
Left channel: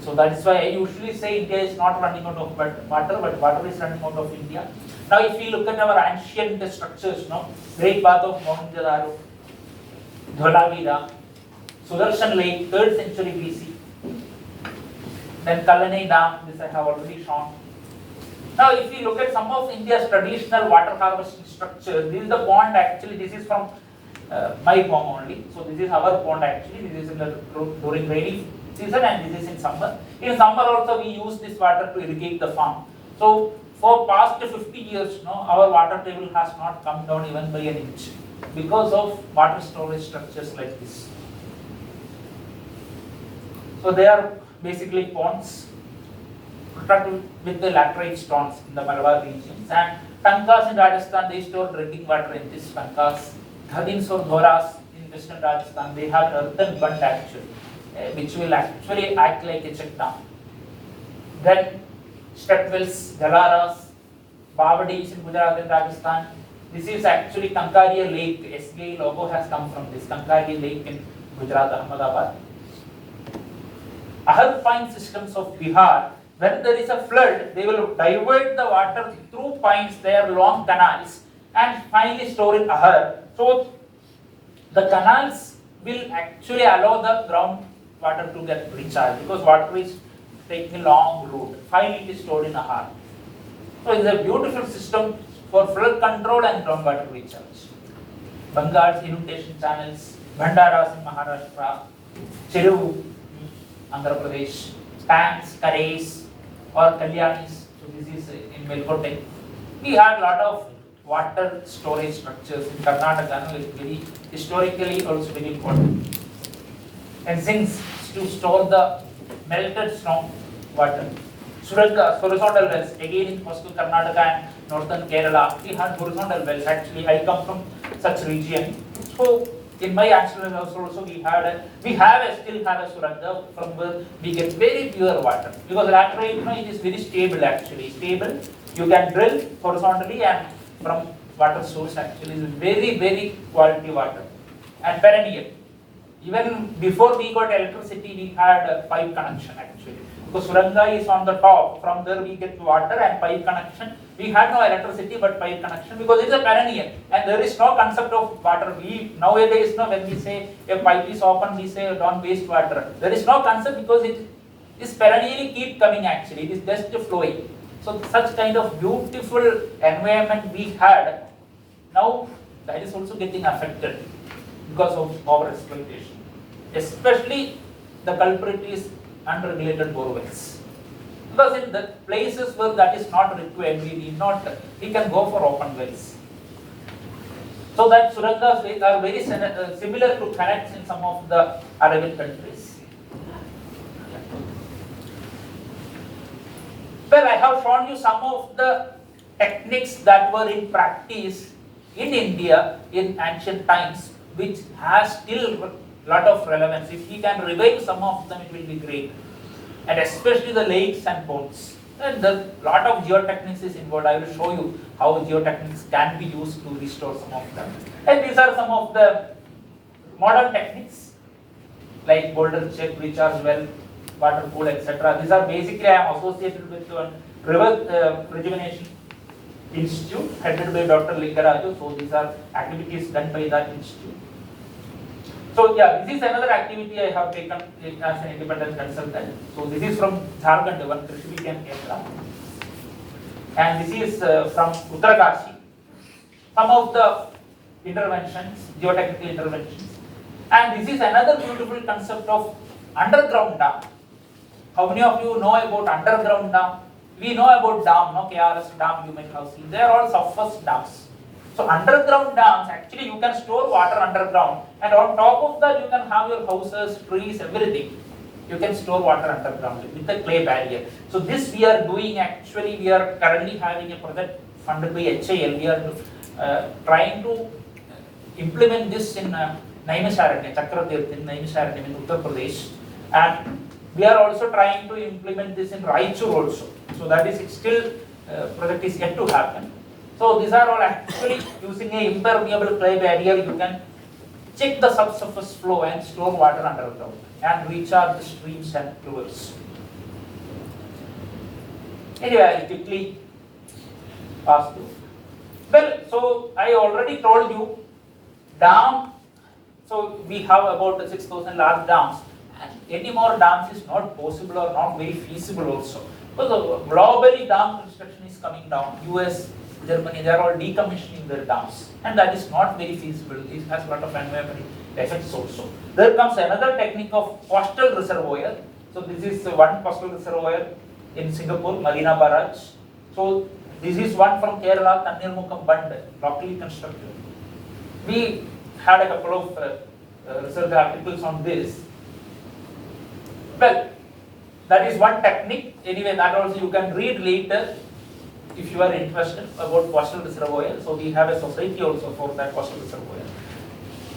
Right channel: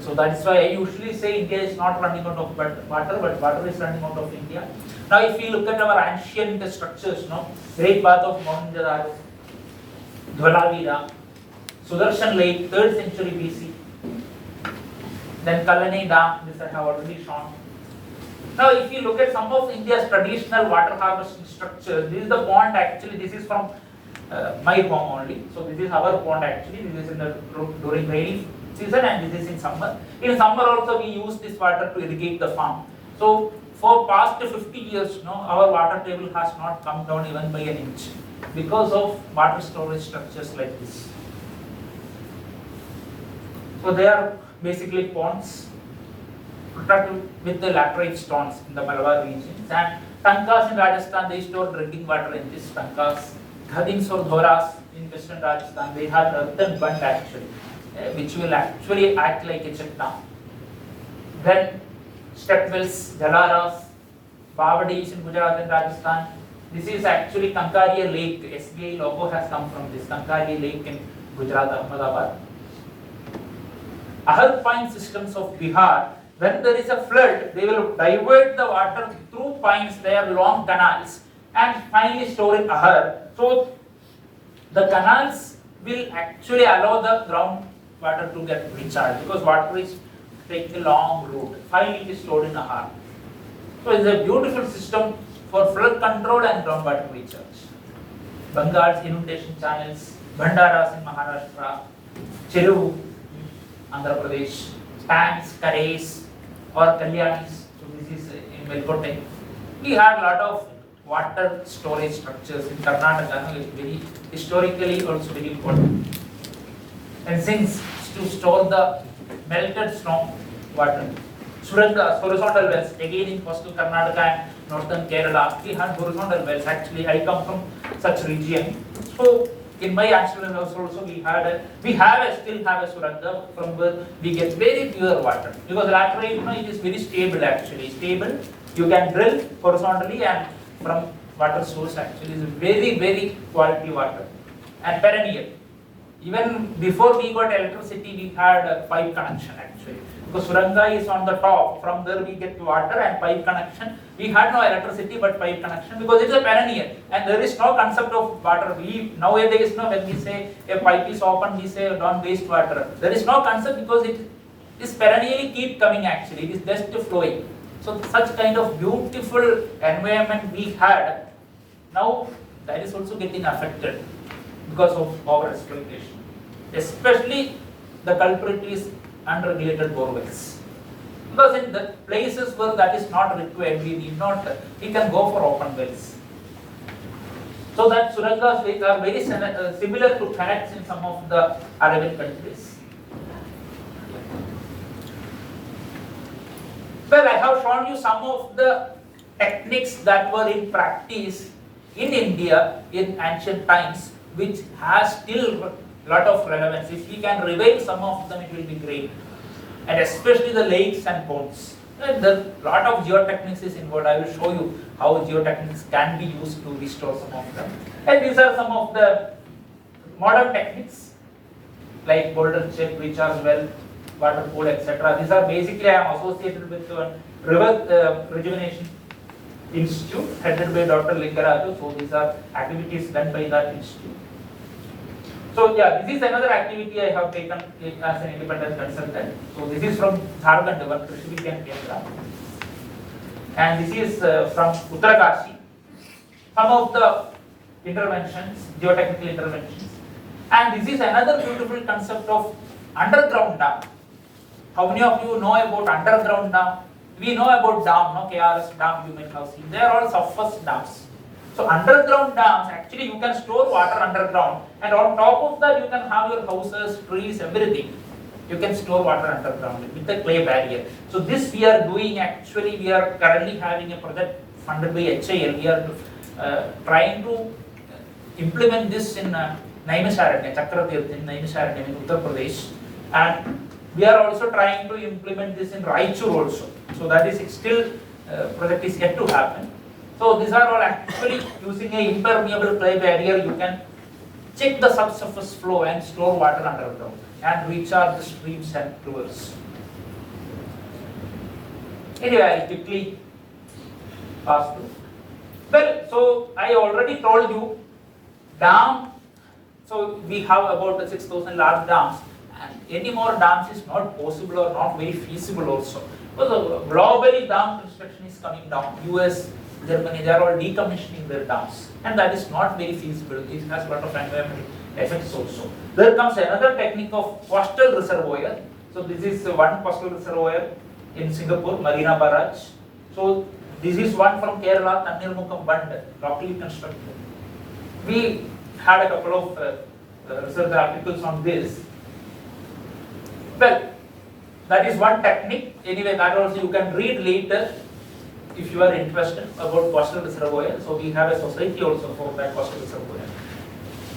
So that is why I usually say India is not running out of water, but water is running out of India. Now if we look at our ancient structures, no, Great Bath of Mohenjo-daro, Dholavira, Sudarshan Lake, 3rd century BC, then Kalani Dam, this I have already shown. Now if you look at some of India's traditional water harvesting structures, this is the pond actually, this is from my home only. So this is our pond actually, this is in the, during rainy season and this is in summer. In summer also we use this water to irrigate the farm. So for past 50 years, no, our water table has not come down even by an inch because of water storage structures like this. So they are basically ponds constructed with the laterite stones in the Malabar regions, and tankas in Rajasthan, they store drinking water in these tankas. Ghadins or dhoras in western Rajasthan, they have an earthen bund actually, which will actually act like a check dam. Then stepwells, galaras, bavadis in Gujarat and Rajasthan. This is actually Kankaria Lake. SBI logo has come from this Kankaria Lake in Gujarat, Ahmedabad. Ahar systems of Bihar. When there is a flood, they will divert the water through pines, they are long canals, and finally store in Ahar. So the canals will actually allow the ground water to get recharged because water is taking a long route. Finally it is stored in Ahar. So it is a beautiful system for flood control and groundwater recharge. Bangals, inundation channels, Bhandaras in Maharashtra, Cheru, Andhra Pradesh, tanks, Karais, or Kalyanis. So this is in Melkote. We have a lot of water storage structures in Karnataka. It's very historically also very important. And since to store the melted snow water, Surangas, horizontal wells, again in coastal Karnataka and northern Kerala, we have horizontal wells. Actually, I come from such region. So in my ancestral house also we still have a suranga from where we get very pure water, because laterite, it is very stable actually. Stable, you can drill horizontally and from water source actually is very, very quality water and perennial. Even before we got electricity, we had a pipe connection actually. Because suranga is on the top, from there we get water and pipe connection. We had no electricity but pipe connection because it's a perennial and there is no concept of water. We nowadays, when we say a pipe is open, we say don't waste water. There is no concept because it is perennially keep coming actually. It is just flowing. So such kind of beautiful environment we had, now that is also getting affected because of over exploitation. Especially the culprit is unregulated borewells. Because in the places where that is not required, we can go for open wells. So that surangas are very similar to canals in some of the Arabian countries. Well, I have shown you some of the techniques that were in practice in India in ancient times, which has still a lot of relevance. If we can revive some of them, it will be great. And especially the lakes and ponds. And a lot of geotechnics is involved. I will show you how geotechnics can be used to restore some of them. And these are some of the modern techniques like boulder check, recharge well, water pool, etc. These are basically, I am associated with one river rejuvenation institute headed by Dr. Lingaraju. So these are activities done by that institute. So yeah, this is another activity I have taken as an independent consultant. So this is from Jharkhand, one Krishna Kendra, and this is from Uttarakashi. some of the interventions, geotechnical interventions. And this is another beautiful concept of underground dam. How many of you know about underground dam? We know about dam, no? KRS dam you might have seen. They are all surface dams. So underground dams, actually you can store water underground, and on top of that you can have your houses, trees, everything. You can store water underground with a clay barrier. So this we are doing, actually we are currently having a project funded by HIL. We are trying to implement this in Naimisharanya, Chakratirth in Naimisharanya in Uttar Pradesh, and we are also trying to implement this in Raichur also. So that is still project is yet to happen. So these are all actually using a impermeable clay barrier. You can check the subsurface flow and store water underground and recharge the streams and rivers. Anyway, I will quickly pass through. Well, so I already told you dam. So we have about 6,000 large dams, and any more dams is not possible or not very feasible also. Because globally dam construction is coming down. US, Germany, they are all decommissioning their dams, and that is not very feasible. It has a lot of environmental effects also. There comes another technique of coastal reservoir. So this is one coastal reservoir in Singapore, Marina Barrage. So this is one from Kerala, Tannirmukkam Bund, locally constructed. We had a couple of research articles on this. Well, that is one technique. Anyway, that also you can read later if you are interested about coastal reservoir. So we have a society also for that coastal reservoir.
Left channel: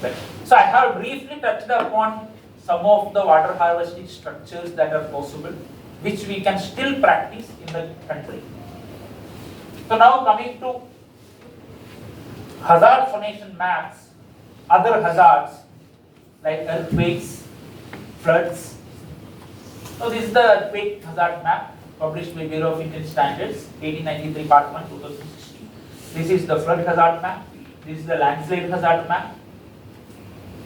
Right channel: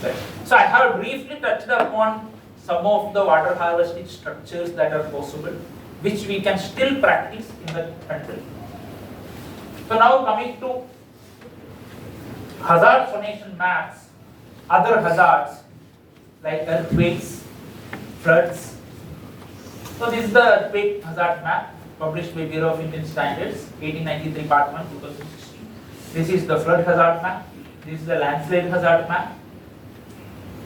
Well, so I have briefly touched upon some of the water harvesting structures that are possible, which we can still practice in the country. So now coming to hazard zonation maps, other hazards like earthquakes, floods. So this is the earthquake hazard map published by Bureau of Indian Standards, 1893 Part 1, 2016. This is the flood hazard map. This is the landslide hazard map.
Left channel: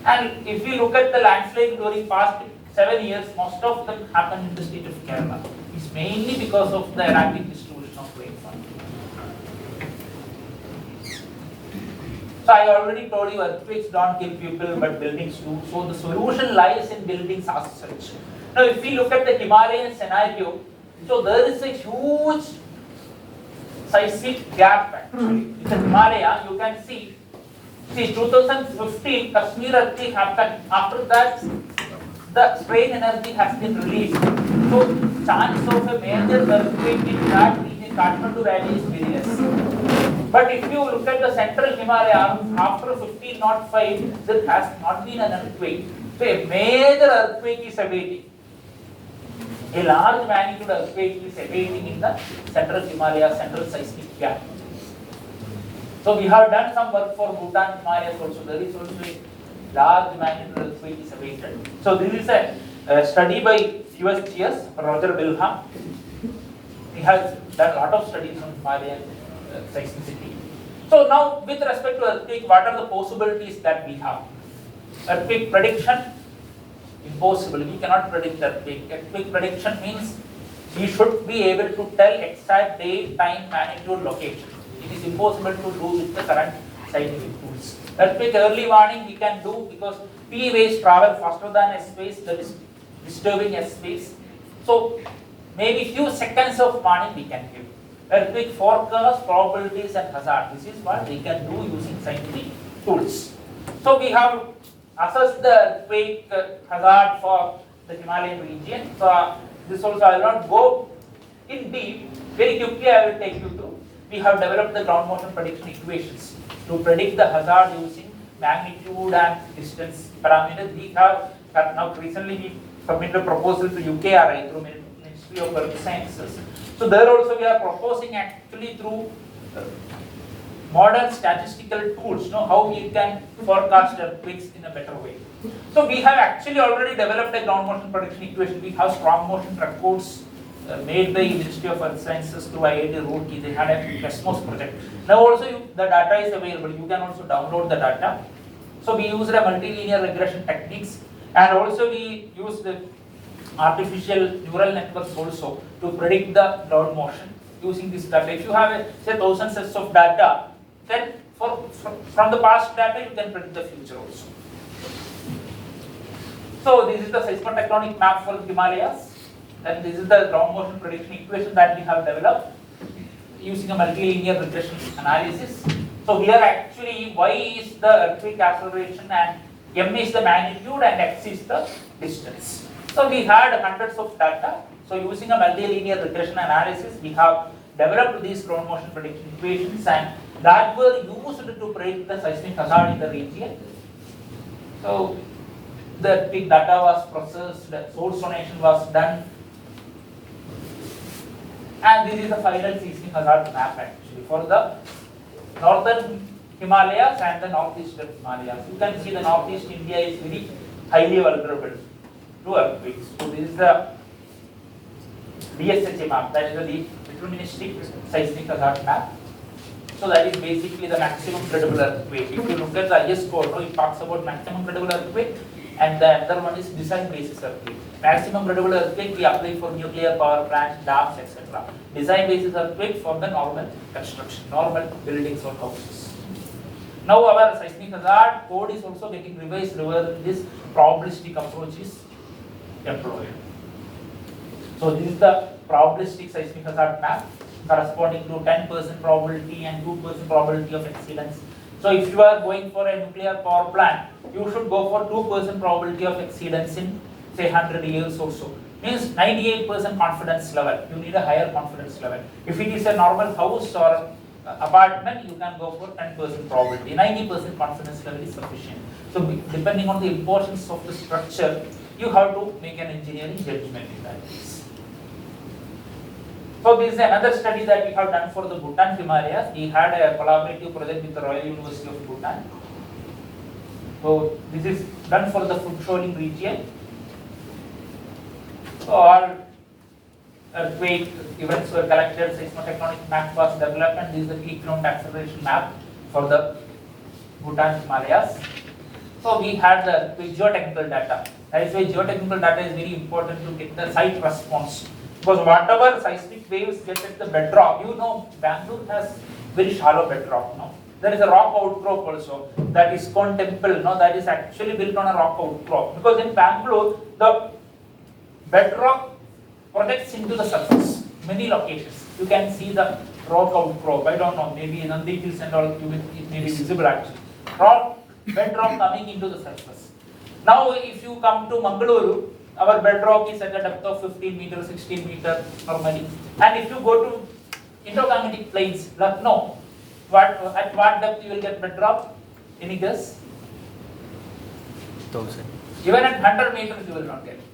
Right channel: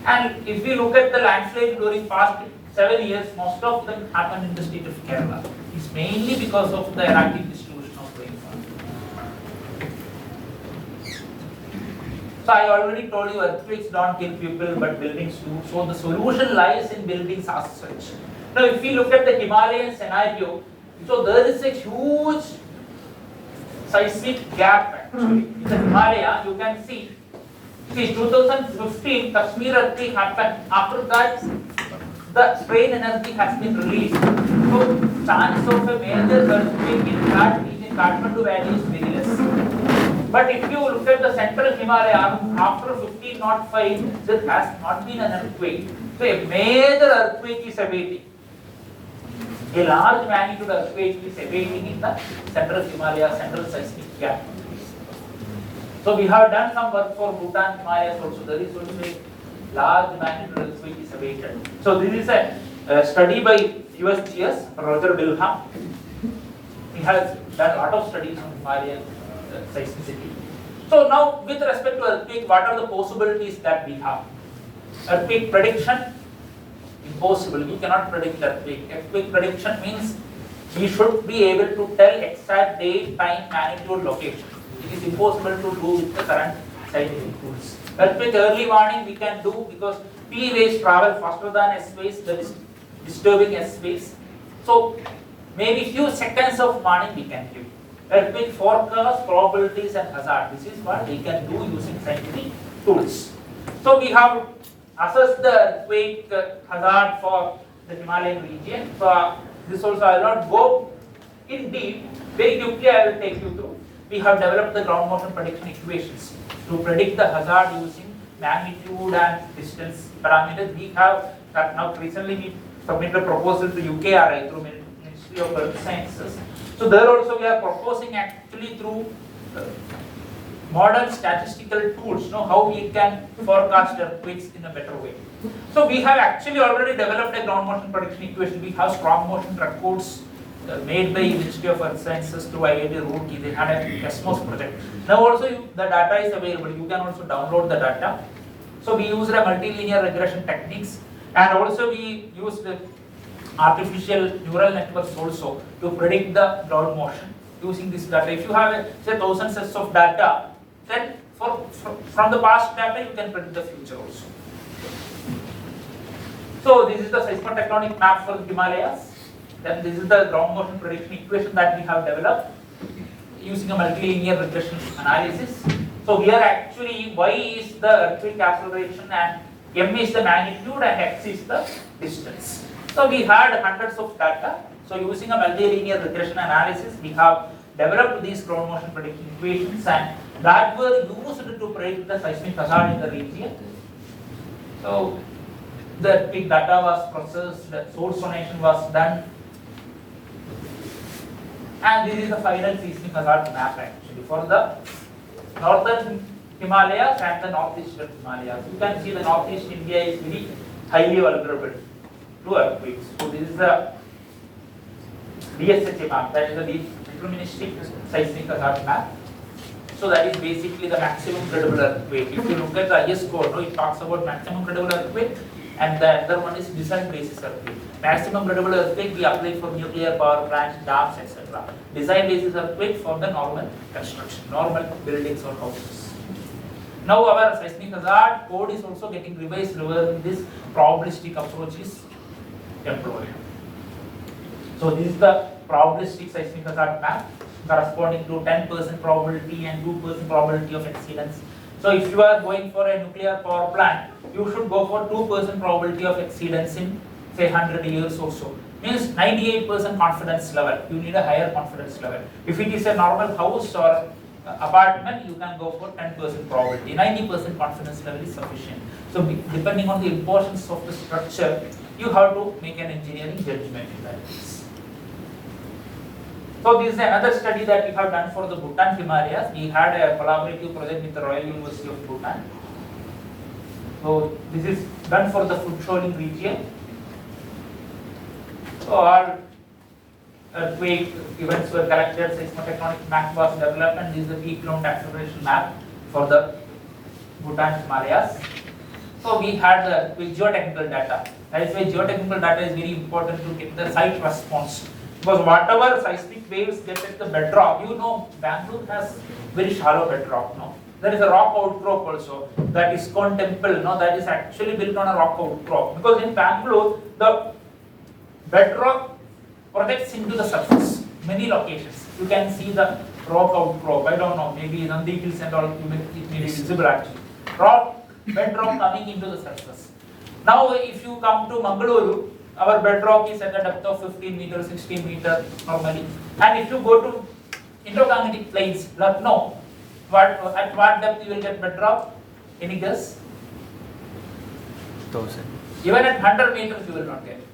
And if we look at the landslide during past 7 years, most of them happen in the state of Kerala. It's mainly because of the erratic distribution of rainfall. So I already told you earthquakes don't kill people, but buildings do. So the solution lies in buildings as such. Now if we look at the Himalayan scenario, so there is a huge seismic gap actually. In the Himalaya, you can see, 2015 Kashmir earthquake happened. After that, the strain energy has been released. So chance of a major earthquake in that region, Kathmandu Valley, is very less. But if you look at the central Himalaya, after 1505, there has not been an earthquake. So a major earthquake is awaiting. A large magnitude earthquake is awaiting in the central Himalaya, central seismic gap. So we have done some work for Bhutan, Himalayas also. There is also a large magnitude earthquake is awaited. So this is a study by USGS, Roger Wilhelm. He has done a lot of studies on Himalayan seismicity. So now with respect to earthquake, what are the possibilities that we have? Earthquake prediction, impossible. You cannot predict earthquake. Earthquake prediction means we should be able to tell exact date, time, magnitude, location. It is impossible to do with the current scientific tools. Earthquake early warning we can do because P waves travel faster than S waves. There is disturbing S waves. So maybe few seconds of warning we can give. Earthquake forecast, probabilities and hazard. This is what we can do using scientific tools. So we have assessed the earthquake hazard for the Himalayan region. So this also I will not go in deep. Very quickly I will take you through. We have developed the ground motion prediction equations to predict the hazard using magnitude and distance parameters. We have now recently we submitted a proposal to UKRI through Ministry of Earth Sciences. So there also we are proposing actually through modern statistical tools, how we can forecast earthquakes in a better way. So we have actually already developed a ground motion prediction equation. We have strong motion records made by Ministry of Earth Sciences through IIT Roorkee. They had a Cosmos project. Now also the data is available. You can also download the data. So we used a multilinear regression techniques, and also we used artificial neural networks also to predict the ground motion using this data. If you have say 1,000 sets of data, then from the past data, you can predict the future also. So this is the seismotectonic map for the Himalayas. Then this is the ground motion prediction equation that we have developed using a multilinear regression analysis. So here actually y is the earthquake acceleration and m is the magnitude and x is the distance. So we had hundreds of data. So using a multilinear regression analysis, we have developed these ground motion prediction equations and that were used to predict the seismic hazard in the region. So the big data was processed, the source donation was done, and this is the final seismic hazard map actually for the northern Himalayas and the northeastern Himalayas. You can see the northeast India is very highly vulnerable to earthquakes. So this is the DSHA map, that is the deterministic seismic hazard map. So that is basically the maximum credible earthquake. If you look at the IS code, it talks about maximum credible earthquake, and the other one is design basis earthquake. Maximum credible earthquake we apply for nuclear power plants, dams, etc. Design basis earthquake for the normal construction, normal buildings or houses. Now our seismic hazard code is also getting revised where this probabilistic approach is employed. So this is the probabilistic seismic hazard map corresponding to 10% probability and 2% probability of exceedance. So if you are going for a nuclear power plant, you should go for 2% probability of exceedance in say 100 years or so. Means 98% confidence level. You need a higher confidence level. If it is a normal house or apartment, you can go for 10% probability. 90% confidence level is sufficient. So depending on the importance of the structure, you have to make an engineering judgment in that case. So this is another study that we have done for the Bhutan Himalayas. We had a collaborative project with the Royal University of Bhutan. So this is done for the food shoaling region. So all earthquake events were collected, seismotectonic map was developed, and this is the peak ground acceleration map for the Bhutan Himalayas. So we had the geotechnical data. That is why geotechnical data is very important to get the site response. Because whatever seismic waves get at the bedrock, you know, Bangalore has very shallow bedrock. No, there is a rock outcrop also. That is ISKCON temple. No, that is actually built on a rock outcrop. Because in Bangalore, the bedrock projects into the surface. Many locations you can see the rock outcrop. I don't know, maybe Nandi Hills and all. It may be visible actually. Bedrock coming into the surface. Now, if you come to Mangaluru, our bedrock is at a depth of 15 meters, 16 meters normally. And if you go to Indo-Gangetic plains, no, at what depth you will get bedrock? Any guess? 1000. Even at 100 meters you will not get it.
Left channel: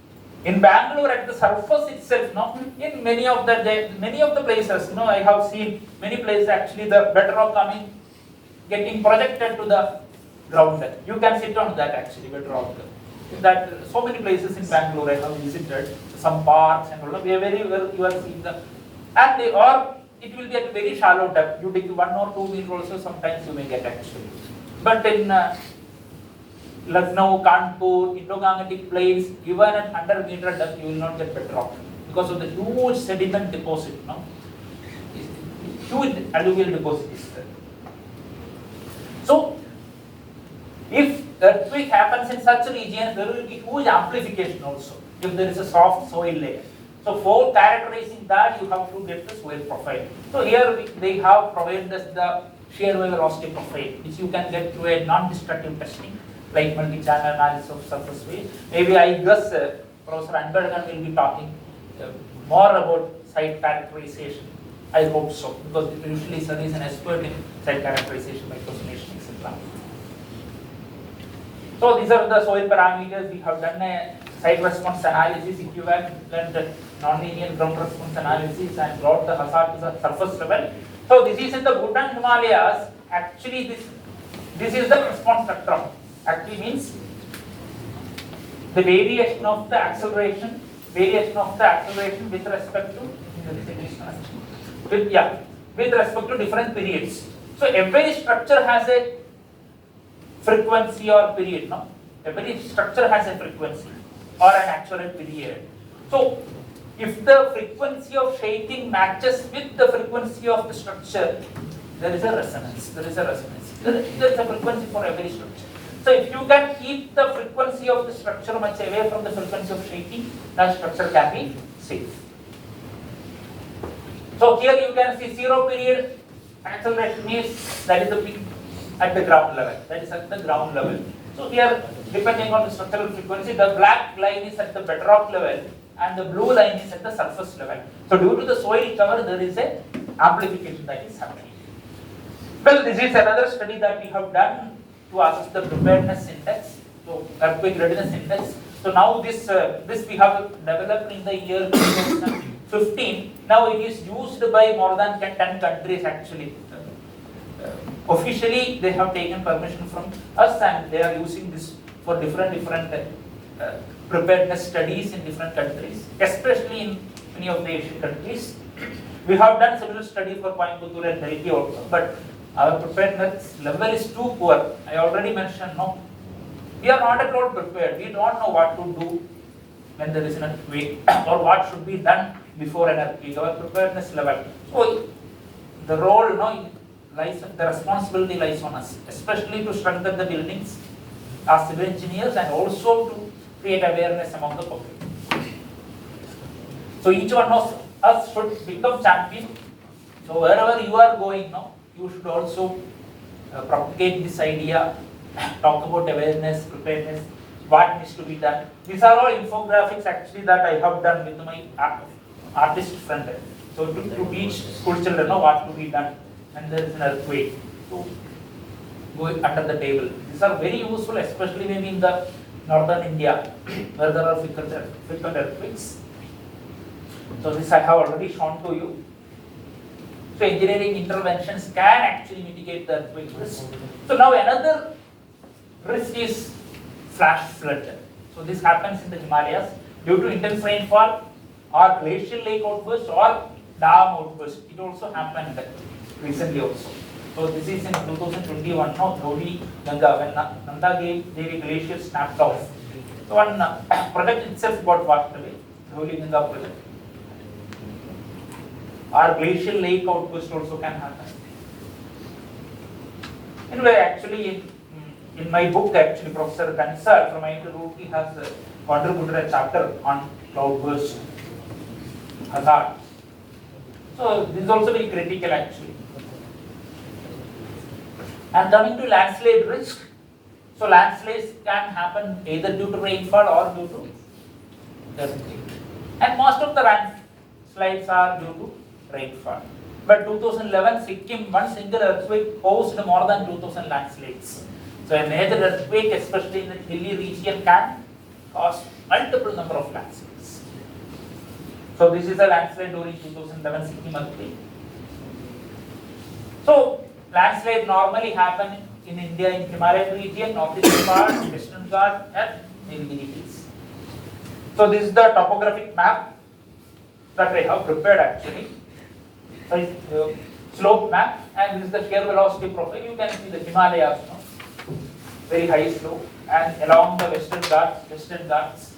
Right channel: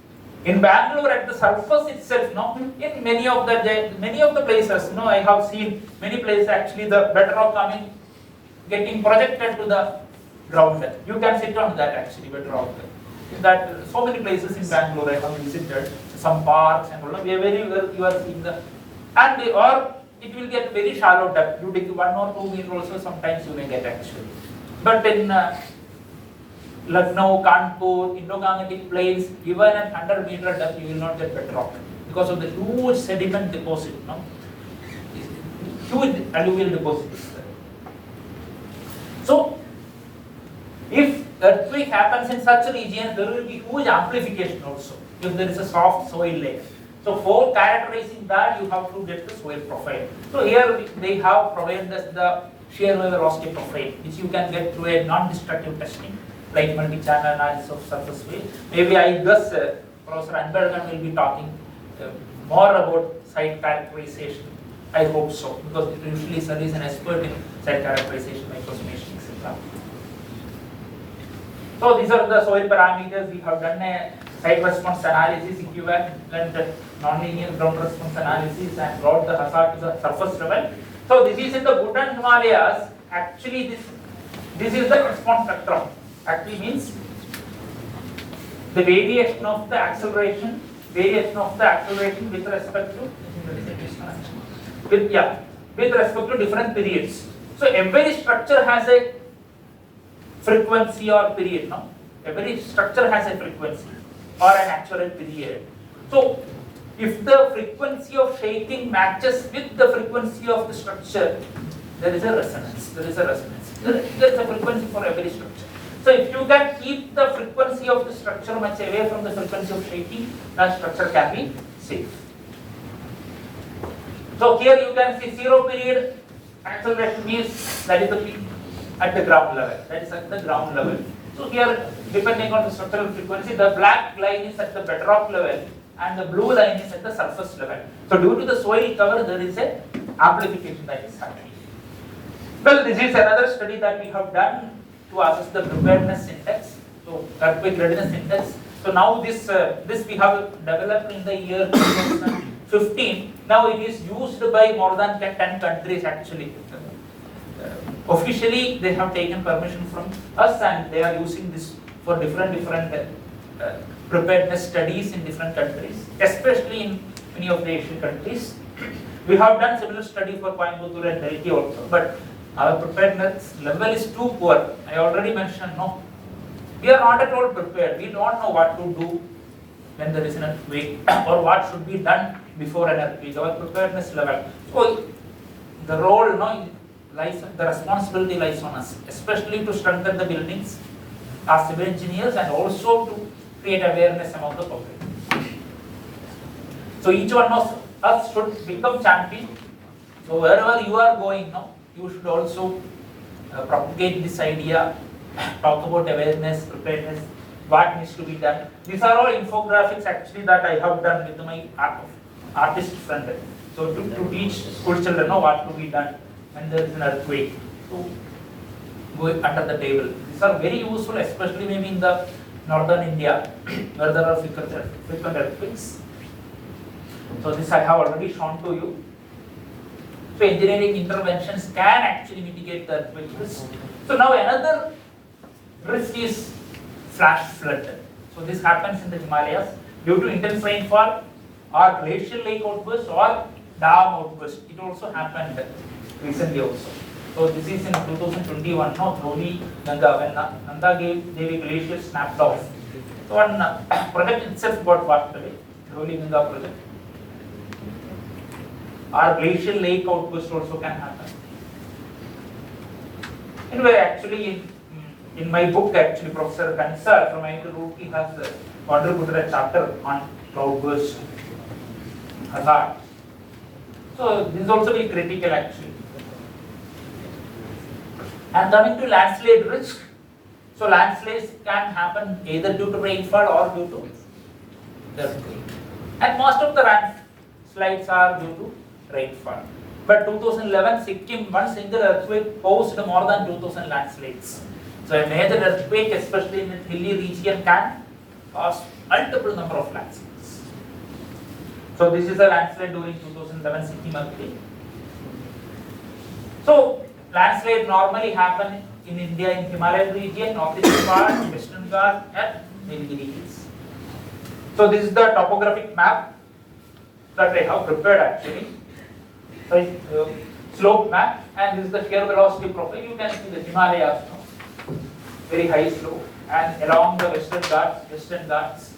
In Bangalore, at the surface itself, no, in many of the places, no, I have seen many places actually the bedrock getting projected to the ground. You can sit on that actually, bedrock. That so many places in Bangalore I have visited, some parks and all. Where you are seeing the, and or it will get very shallow depth. You dig 1 or 2 meters also. Sometimes you may get actually, but in Lucknow, Kanpur, Indo-Gangetic plains, even at 100 meter depth, you will not get bedrock because of the huge sediment deposit. No, huge alluvial deposit is there. So, if earthquake happens in such a region, there will be huge amplification also if there is a soft soil layer. So for characterizing that, you have to get the soil profile. So here they have provided us the shear wave velocity profile, which you can get through a non-destructive testing, like multi-channel analysis of surface wave. Maybe I guess Professor Anbergan will be talking more about site characterization. I hope so, because usually sir is an expert in site characterization, microsimulation, etc. So these are the soil parameters. We have done a site response analysis, equivalent non-linear ground response analysis, and brought the hazard to the surface level. So this is in the Bhutan Himalayas. Actually, this is the response spectrum. Actually means the variation of the acceleration with respect to with respect to different periods. So every structure has a frequency or period. No, every structure has a frequency or an actual period. So if the frequency of shaking matches with the frequency of the structure, there is a resonance. There's a frequency for every structure. So if you can keep the frequency of the structure much away from the frequency of shaking, the structure can be safe. So here you can see 0 period acceleration means that is the peak at the ground level. That is at the ground level. So here, depending on the structural frequency, the black line is at the bedrock level and the blue line is at the surface level. So due to the soil cover, there is a amplification that is happening. Well, this is another study that we have done to assess the preparedness index, so earthquake readiness index. So now this we have developed in the year 2015. Now it is used by more than 10 countries actually. Officially, they have taken permission from us, and they are using this for different preparedness studies in different countries, especially in many of the Asian countries. We have done similar study for Coimbatore and Delhi also, but our preparedness level is too poor. I already mentioned, no, we are not at all prepared. We don't know what to do when there is an earthquake or what should be done before an earthquake. Our preparedness level. So the role, the responsibility lies on us, especially to strengthen the buildings as civil engineers and also to create awareness among the public. So each one of us should become champion. So wherever you are going now, you should also propagate this idea, talk about awareness, preparedness, what needs to be done. These are all infographics actually that I have done with my artist friend. So to teach school children what to be done when there is an earthquake. So go under the table. These are very useful, especially maybe in the northern India where there are frequent earthquakes. So this I have already shown to you. So engineering interventions can actually mitigate the earthquake risk. So now another risk is flash flood. So this happens in the Himalayas due to intense rainfall or glacial lake outburst or dam outburst. It also happened recently also. So this is in 2021. No, Dholi, Ganga, when Nanda Devi glacier snapped off. So one project itself got washed away. Dholi Ganga project. Or glacial lake outburst also can happen. Anyway, actually in my book, actually Professor Kansar from IIT he has contributed a chapter on cloudburst hazard. So this is also very critical actually. And coming to landslide risk, so landslides can happen either due to rainfall or due to earthquake. And most of the landslides are due to rainfall. But 2011 Sikkim, one single earthquake caused more than 2000 landslides. So a major earthquake, especially in the hilly region, can cause multiple number of landslides. So this is a landslide during 2011 Sikkim earthquake. So landslide normally happen in India in Himalayan region, northeastern part, western Ghats, and Nilgiri hills. So this is the topographic map that I have prepared actually. Slope map, and this is the shear velocity profile. You can see the Himalayas, very high slope, and along the western Ghats,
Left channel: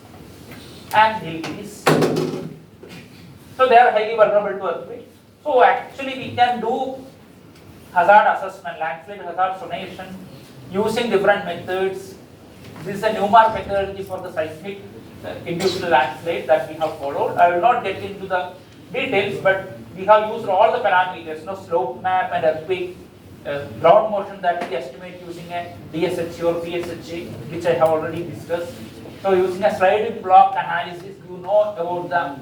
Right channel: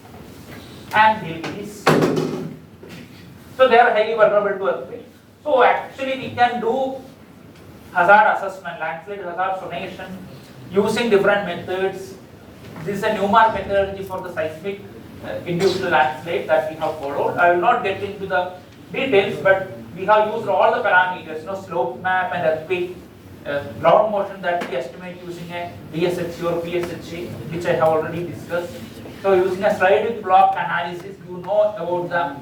and Nilgiris. So they are highly vulnerable to earthquake. So actually we can do hazard assessment, landslide hazard sonation using different methods. This is a Newmark methodology for the seismic induced landslide that we have followed. I will not get into the details, but we have used all the parameters, slope map and earthquake ground motion that we estimate using a DSHA or PSHA, which I have already discussed. So using a sliding block analysis, you know about the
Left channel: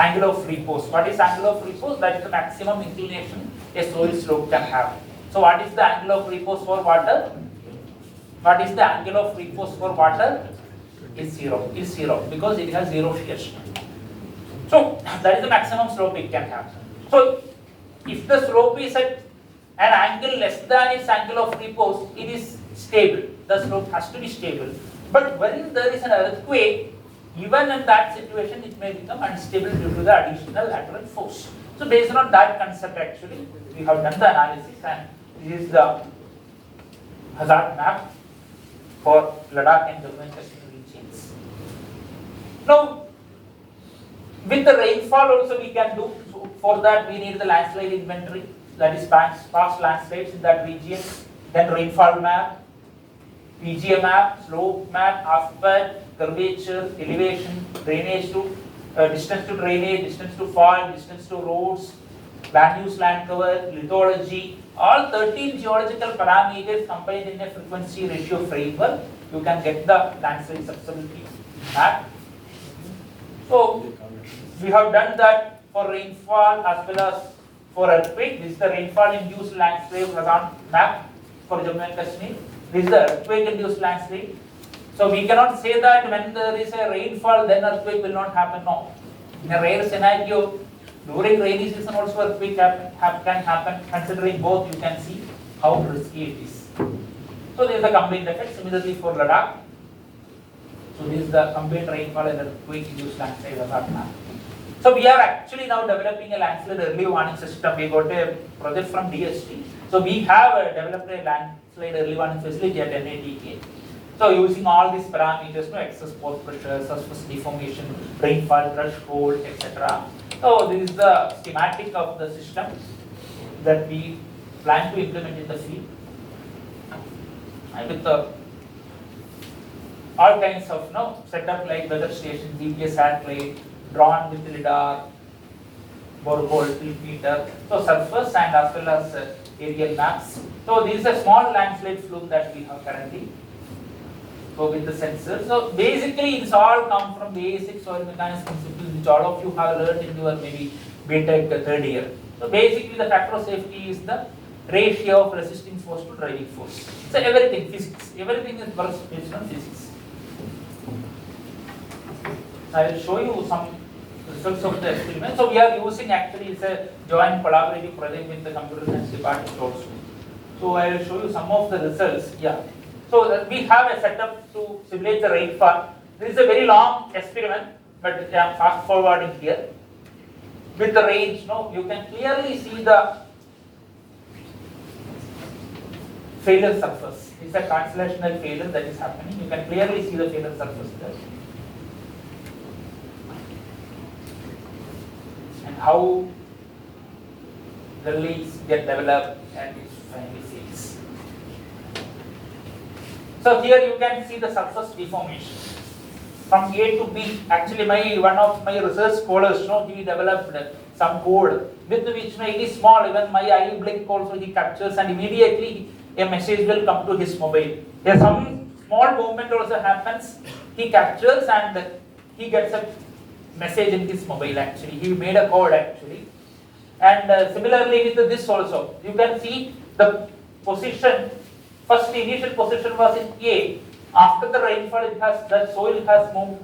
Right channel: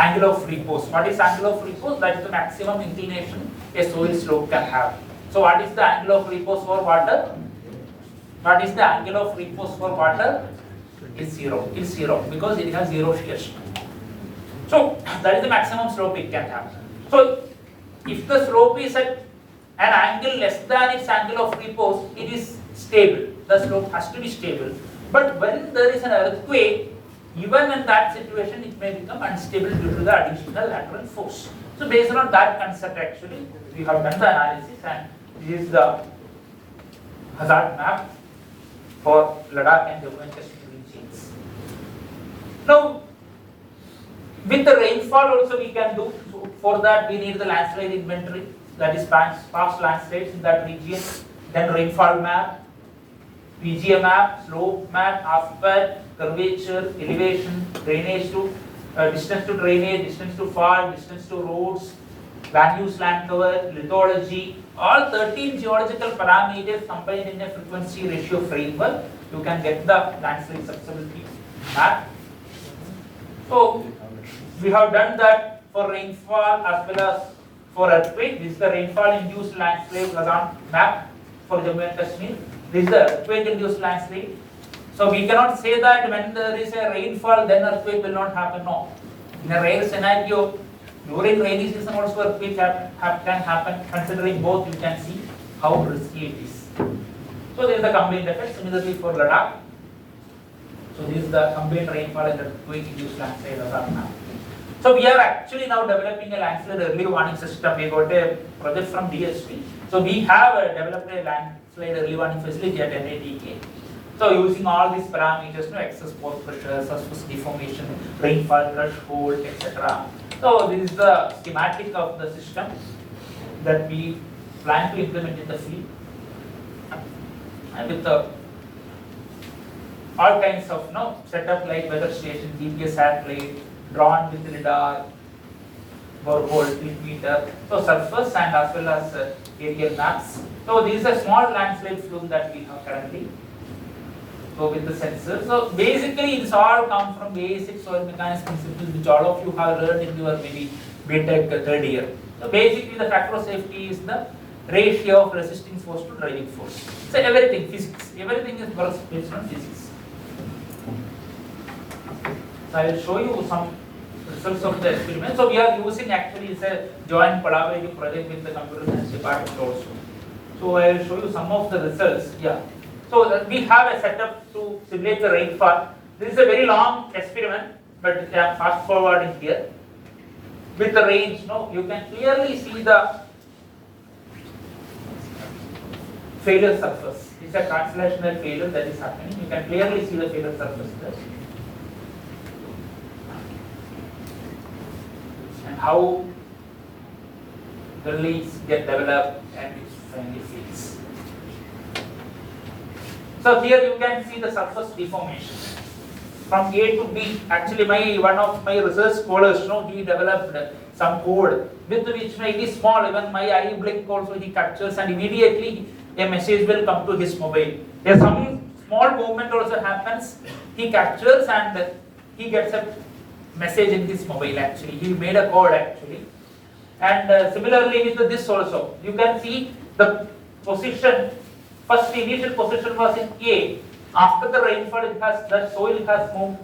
angle of repose. What is angle of repose? That is the maximum inclination a soil slope can have. So what is the angle of repose for water? What is the angle of repose for water? Is zero because it has zero shear strength. So that is the maximum slope it can have. So if the slope is at an angle less than its angle of repose, it is stable. The slope has to be stable. But when there is an earthquake, even in that situation, it may become unstable due to the additional lateral force. So based on that concept, actually, we have done the analysis, and this is the hazard map for Ladakh and Jammu and Kashmir regions. Now, with the rainfall also we can do. So for that we need the landslide inventory. that is past landscapes in that region, then rainfall map, PGA map, slope map, aspect, curvature, elevation, drainage to distance to drainage, distance to fall, distance to roads, land use, land cover, lithology, all 13 geological parameters combined in a frequency ratio framework. You can get the landslide susceptibility map. So we have done that for rainfall as well as for earthquake. This is the rainfall induced landslide hazard map for Jammu and Kashmir. This is the earthquake induced landslide. So we cannot say that when there is a rainfall, then earthquake will not happen. No. In a rare scenario, during rainy season also earthquake can happen. Considering both, you can see how risky it is. So there is the combined effect. Similarly for Ladakh. So this is the combined rainfall and earthquake induced landslide hazard map. So we are actually now developing a landslide early warning system. We got a project from DHT. So we have developed a landslide early warning facility at NATK. So using all these parameters, excess pore pressure, surface deformation, rainfall threshold, etc. So this is the schematic of the system that we plan to implement in the field, and with all kinds of setup like weather station, GPS satellite, drawn with lidar, borehole, tilt meter, so surface and as well as aerial maps. So this is a small landslide flume that we have currently. So with the sensors, so basically it's all come from basic soil mechanics principles which all of you have learned in your maybe BTech third year. So basically the factor of safety is the ratio of resisting force to driving force. So everything, physics, everything is based on physics. So I will show you some results of the experiment. So we are using actually it's a joint collaborative project with the computer science department also. So I will show you some of the results. Yeah. So we have a setup to simulate the rainfall. This is a very long experiment, but I am fast forwarding here. With the range, you can clearly see the failure surface. It's a translational failure that is happening. You can clearly see the failure surface there. And how the leads get developed and it finally fails. So here you can see the surface deformation from A to B. Actually, one of my research scholars, he developed some code with which it is small. Even my eye blink also he captures, and immediately a message will come to his mobile. If some small movement also happens, he captures and he gets a message in his mobile. Actually, he made a code actually, and similarly with this also, you can see the position. First initial position was in A. After the rainfall, the soil has moved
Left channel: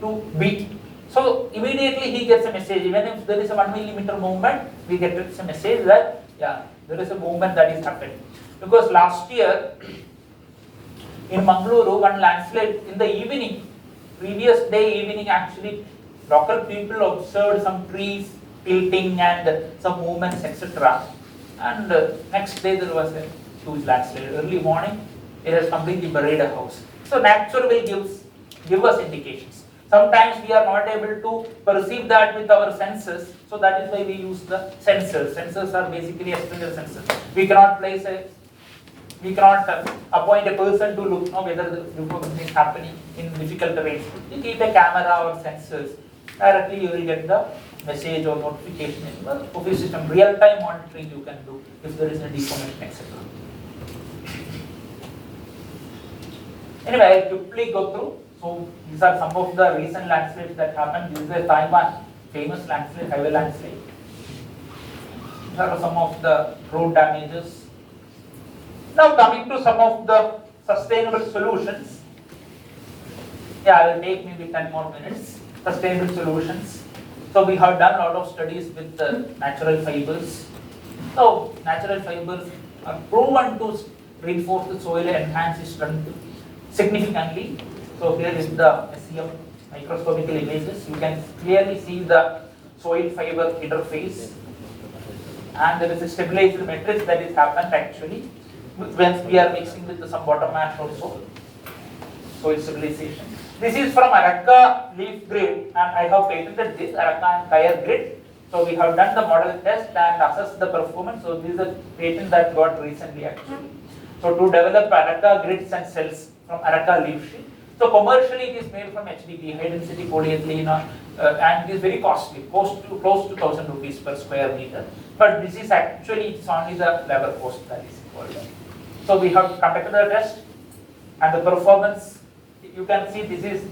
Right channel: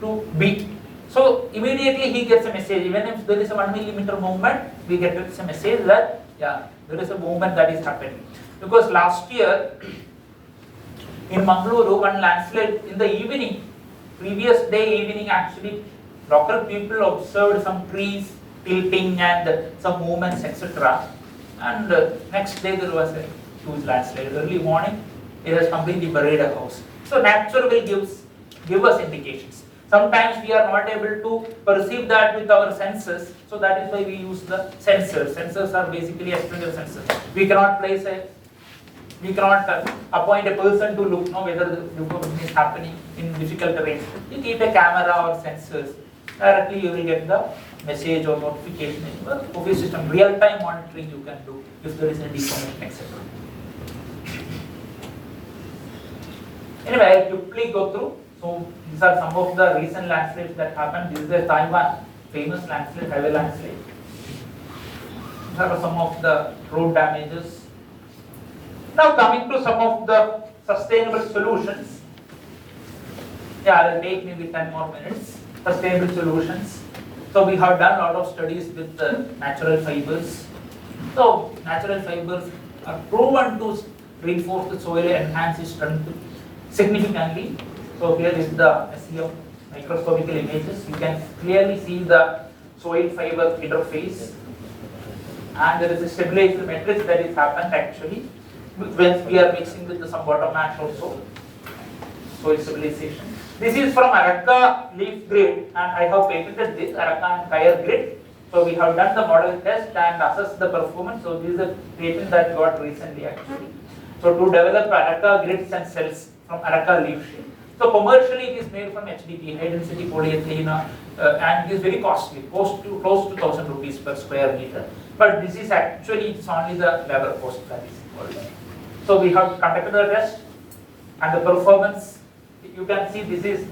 to B. So immediately he gets a message. Even if there is a 1 millimeter movement, we get a message that there is a movement that is happening. Because last year in Mangaluru, one landslide in the evening, previous day evening actually, local people observed some trees tilting and some movements, etc. And next day there was a huge landslide. Early morning, it has completely buried a house. So nature will give us indications. Sometimes we are not able to perceive that with our senses. So that is why we use the sensors. Sensors are basically external sensors. We cannot appoint a person to look whether the movement is happening in difficult terrain. We keep a camera or sensors. Directly you will get the message or notification in the office system. Real-time monitoring you can do if there is a deformation, etc. Anyway, I will quickly go through. So these are some of the recent landslides that happened. This is a Taiwan famous landslide, highway landslide. These are some of the road damages. Now coming to some of the sustainable solutions. I will take maybe 10 more minutes. Sustainable solutions. So we have done a lot of studies with natural fibers. So natural fibers are proven to reinforce the soil and enhance its strength significantly. So here is the SEM microscopical images. You can clearly see the soil fiber interface, and there is a stabilizer matrix that is happened actually when we are mixing with some bottom ash also. Soil stabilization. This is from Arakka leaf grid, and I have patented this Arakka and Kaya grid. So we have done the model test and assessed the performance. So this is a patent that got recently actually. So to develop Araka grids and cells from Araka leaf sheet. So commercially it is made from HDP, high density polyethylene, and it is very costly, close to 1,000 rupees per square meter. But this is actually, it's only the labor cost that is involved. So we have conducted a test and the performance, you can see this is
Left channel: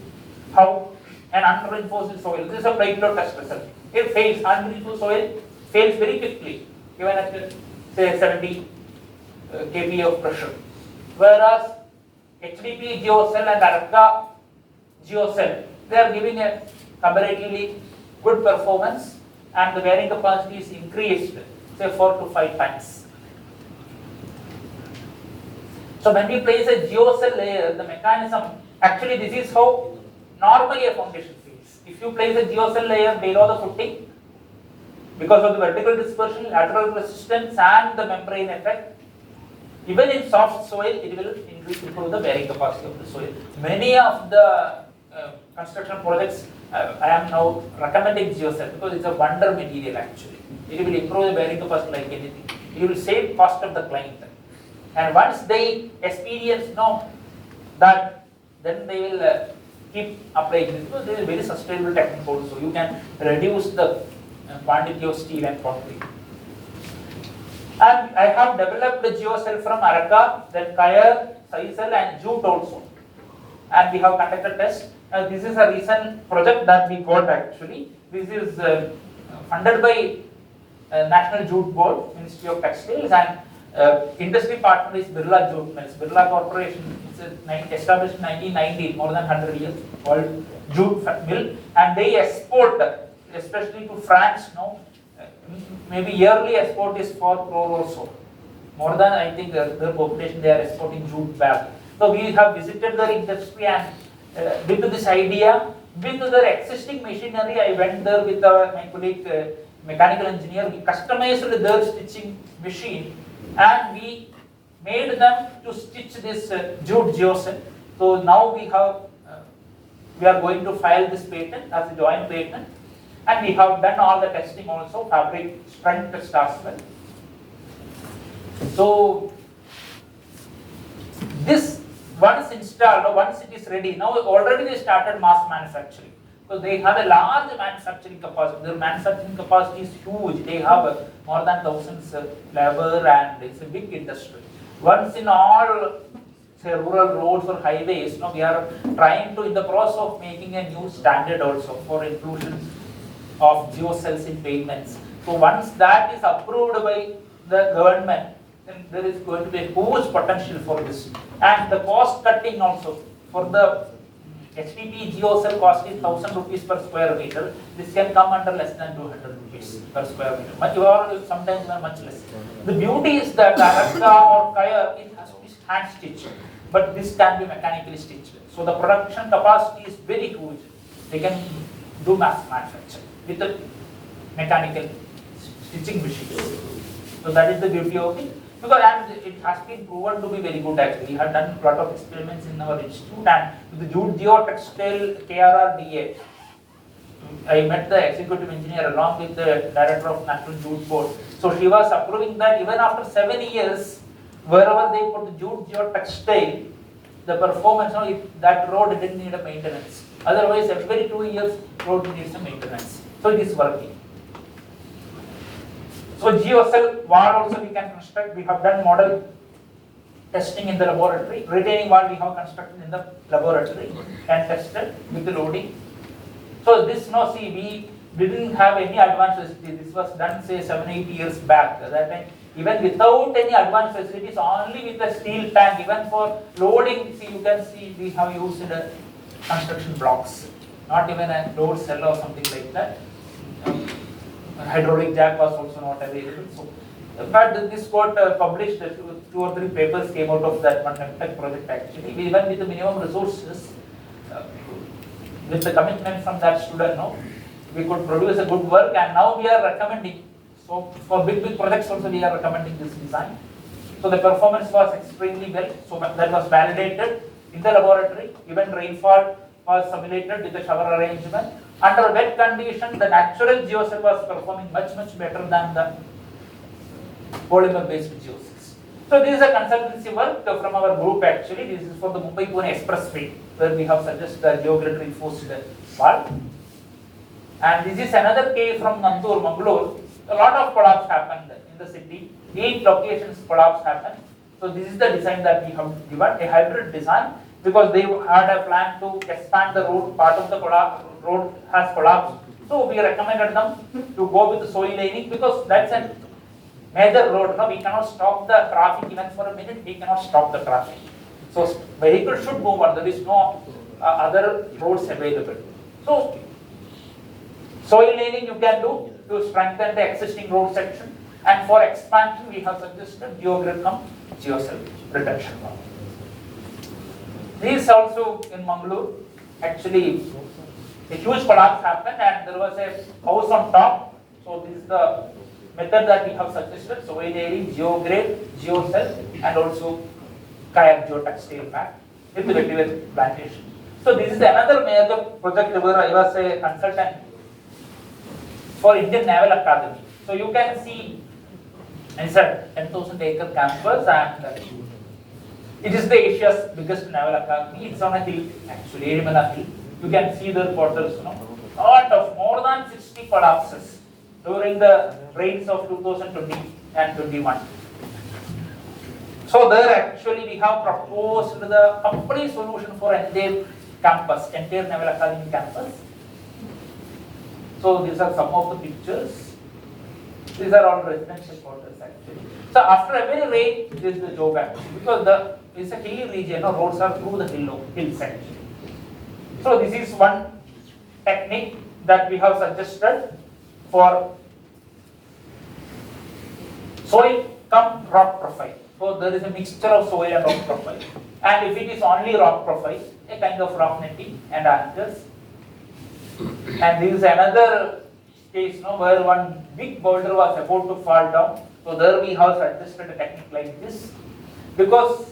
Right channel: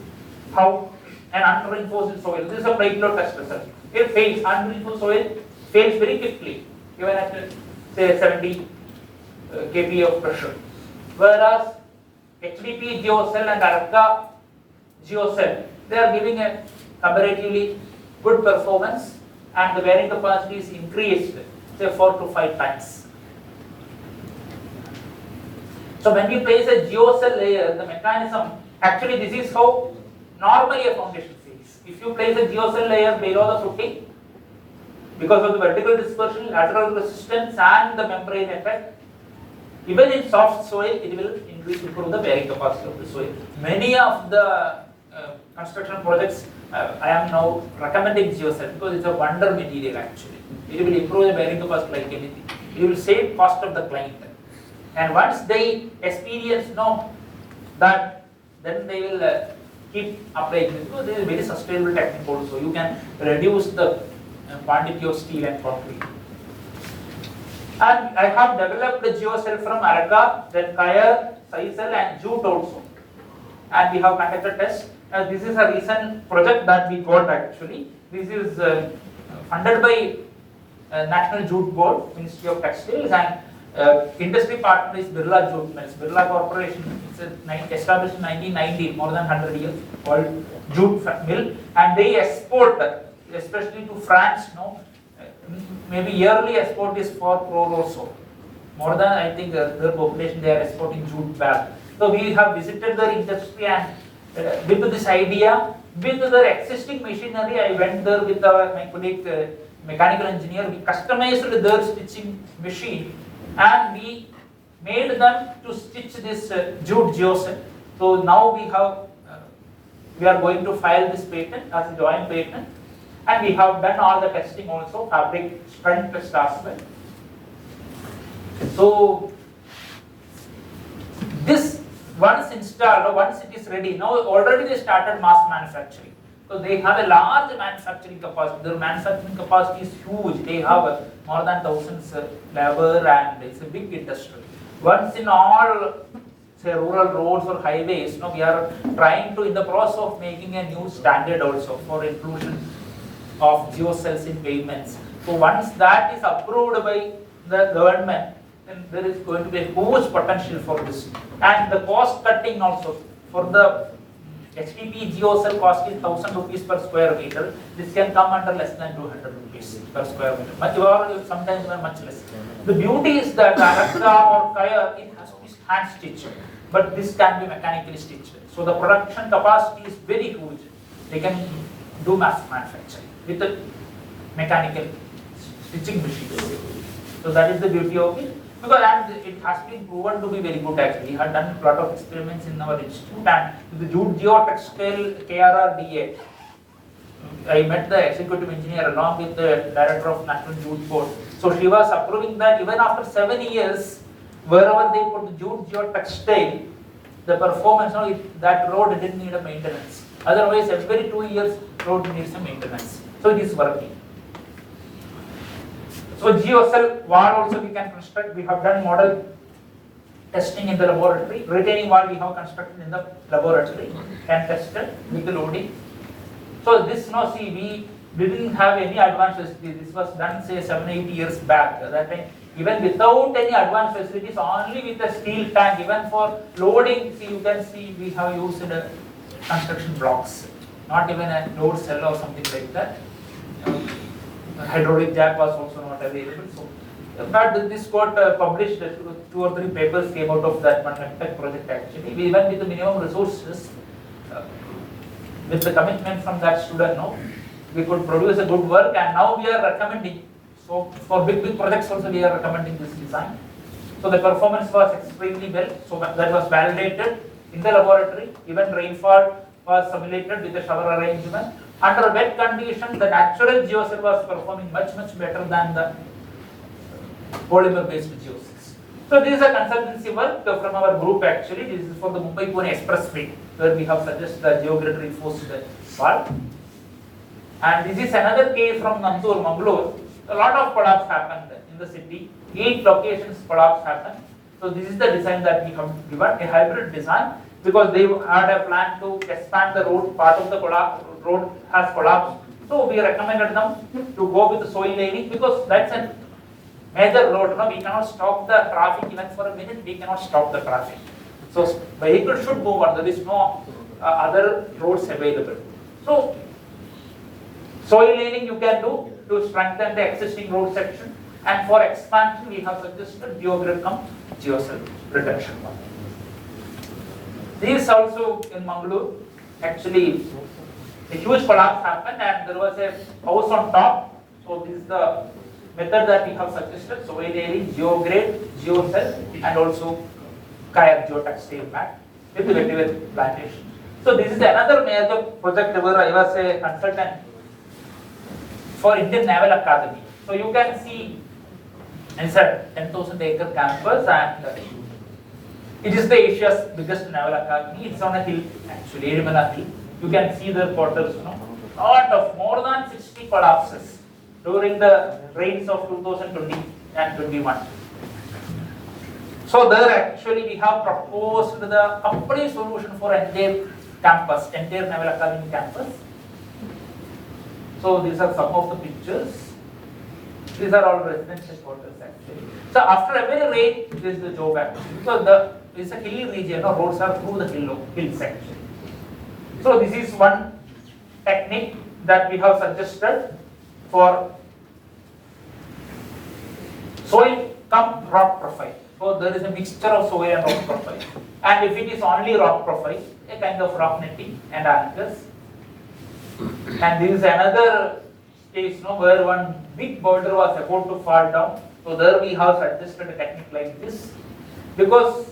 how an unreinforced soil, this is a plate load test result. It fails, unreinforced soil fails very quickly, even at say 70 kPa of pressure. Whereas HDP geocell and Araka geocell, they are giving a comparatively good performance and the bearing capacity is increased, say 4 to 5 times. So when we place a geocell layer, the mechanism, actually this is how normally a foundation feels. If you place a geocell layer below the footing, because of the vertical dispersion, lateral resistance and the membrane effect, even in soft soil, it will improve the bearing capacity of the soil. Many of the construction projects, I am now recommending geocell because it's a wonder material actually. It will improve the bearing capacity like anything. It will save cost of the client. And once they experience that, then they will keep applying this because this is a very sustainable technique also. You can reduce the quantity of steel and concrete. And I have developed the geocell from Araka, then Kaya, Sisal and Jute also. And we have conducted tests. This is a recent project that we got actually. This is funded by National Jute Board, Ministry of Textiles, and industry partner is Birla Jute Mills. Birla Corporation is established in 1990, more than 100 years, called Jute Mill, and they export, especially to France, maybe yearly export is 4 crore or so. More than, I think, their population, they are exporting jute back. So we have visited their industry and with this idea, with their existing machinery, I went there with my colleague, mechanical engineer, we customized their stitching machine and we made them to stitch this jute geocell. So now we are going to file this patent as a joint patent, and we have done all the testing also, fabric strength test as well. So this once installed, once it is ready, now already they started mass manufacturing because they have a large manufacturing capacity. Their manufacturing capacity is huge. They have more than thousands labor and it's a big industry. Once in all, say rural roads or highways, we are trying to, in the process of making a new standard also for inclusion of geocells in pavements. So once that is approved by the government, then there is going to be a huge potential for this. And the cost cutting also for the HDP geocell cost is 1,000 rupees per square meter. This can come under less than 200 rupees per square meter. Or sometimes much less. The beauty is that Araka or Kaya, it has to be hand stitched, but this can be mechanically stitched. So the production capacity is very huge. They can do mass manufacturing with the mechanical stitching machines. So that is the beauty of it. Because and it has been proven to be very good actually. We have done a lot of experiments in our institute and the Jute Geotextile KRRDA. I met the executive engineer along with the director of National Jute Board. So she was approving that even after 7 years, wherever they put the Jute Geotextile, the performance, that road didn't need a maintenance. Otherwise, every 2 years, road needs a maintenance. So it is working. So geocell wall also we can construct. We have done model testing in the laboratory. Retaining wall we have constructed in the laboratory and tested with the loading. So this we didn't have any advanced facilities. This was done say 7-8 years back. At that time, even without any advanced facilities, only with a steel tank, even for loading, you can see we have used construction blocks, not even a load cell or something like that. Hydraulic jack was also not available. So, but this got published. 2 or 3 papers came out of that one project actually. Even with the minimum resources, with the commitment from that student, we could produce a good work, and now we are recommending. So for big projects also we are recommending this design. So the performance was extremely well. So that was validated in the laboratory. Even rainfall was simulated with a shower arrangement. Under wet condition, the natural geocell was performing much better than the polymer-based geocels. So this is a consultancy work from our group actually. This is for the Mumbai-Pune Expressway, where we have suggested the geogrid reinforced wall. And this is another case from Nandur, Mangalore. A lot of collapse happened in the city. 8 locations collapse happened. So this is the design that we have given, a hybrid design, because they had a plan to expand the road. Part of the road has collapsed. So we recommended them to go with the soil laying, because that's a major road. No, we cannot stop the traffic even for a minute. We cannot stop the traffic. So vehicles should move on. There is no other roads available. So soil laying you can do to strengthen the existing road section. And for expansion, we have suggested geogrid cum geocell reduction. This also in Mangalore, actually a huge collapse happened and there was a house on top. So this is the method that we have suggested: soil layering, geogrid, geocell, and also kaya geotextile mat with vetiver plantation. So this is another major project where I was a consultant for Indian Naval Academy. So you can see it's a 10,000-acre campus, and it is the Asia's biggest naval academy. It's on a hill, actually, Erimala Hill. You can see the quarters, lot of more than 60 collapses during the rains of 2020 and 21. So there actually we have proposed the complete solution for entire campus, entire Naval Academy campus. So these are some of the pictures. These are all residential quarters actually. So after every rain, this is the job actually, because it's a hilly region, roads are through the hills actually. So this is one technique that we have suggested for soil cum rock profile. So there is a mixture of soil and rock profile. And if it is only rock profile, a kind of rock netting and anchors. And this is another case where one big boulder was about to fall down. So there we have suggested a technique like this, because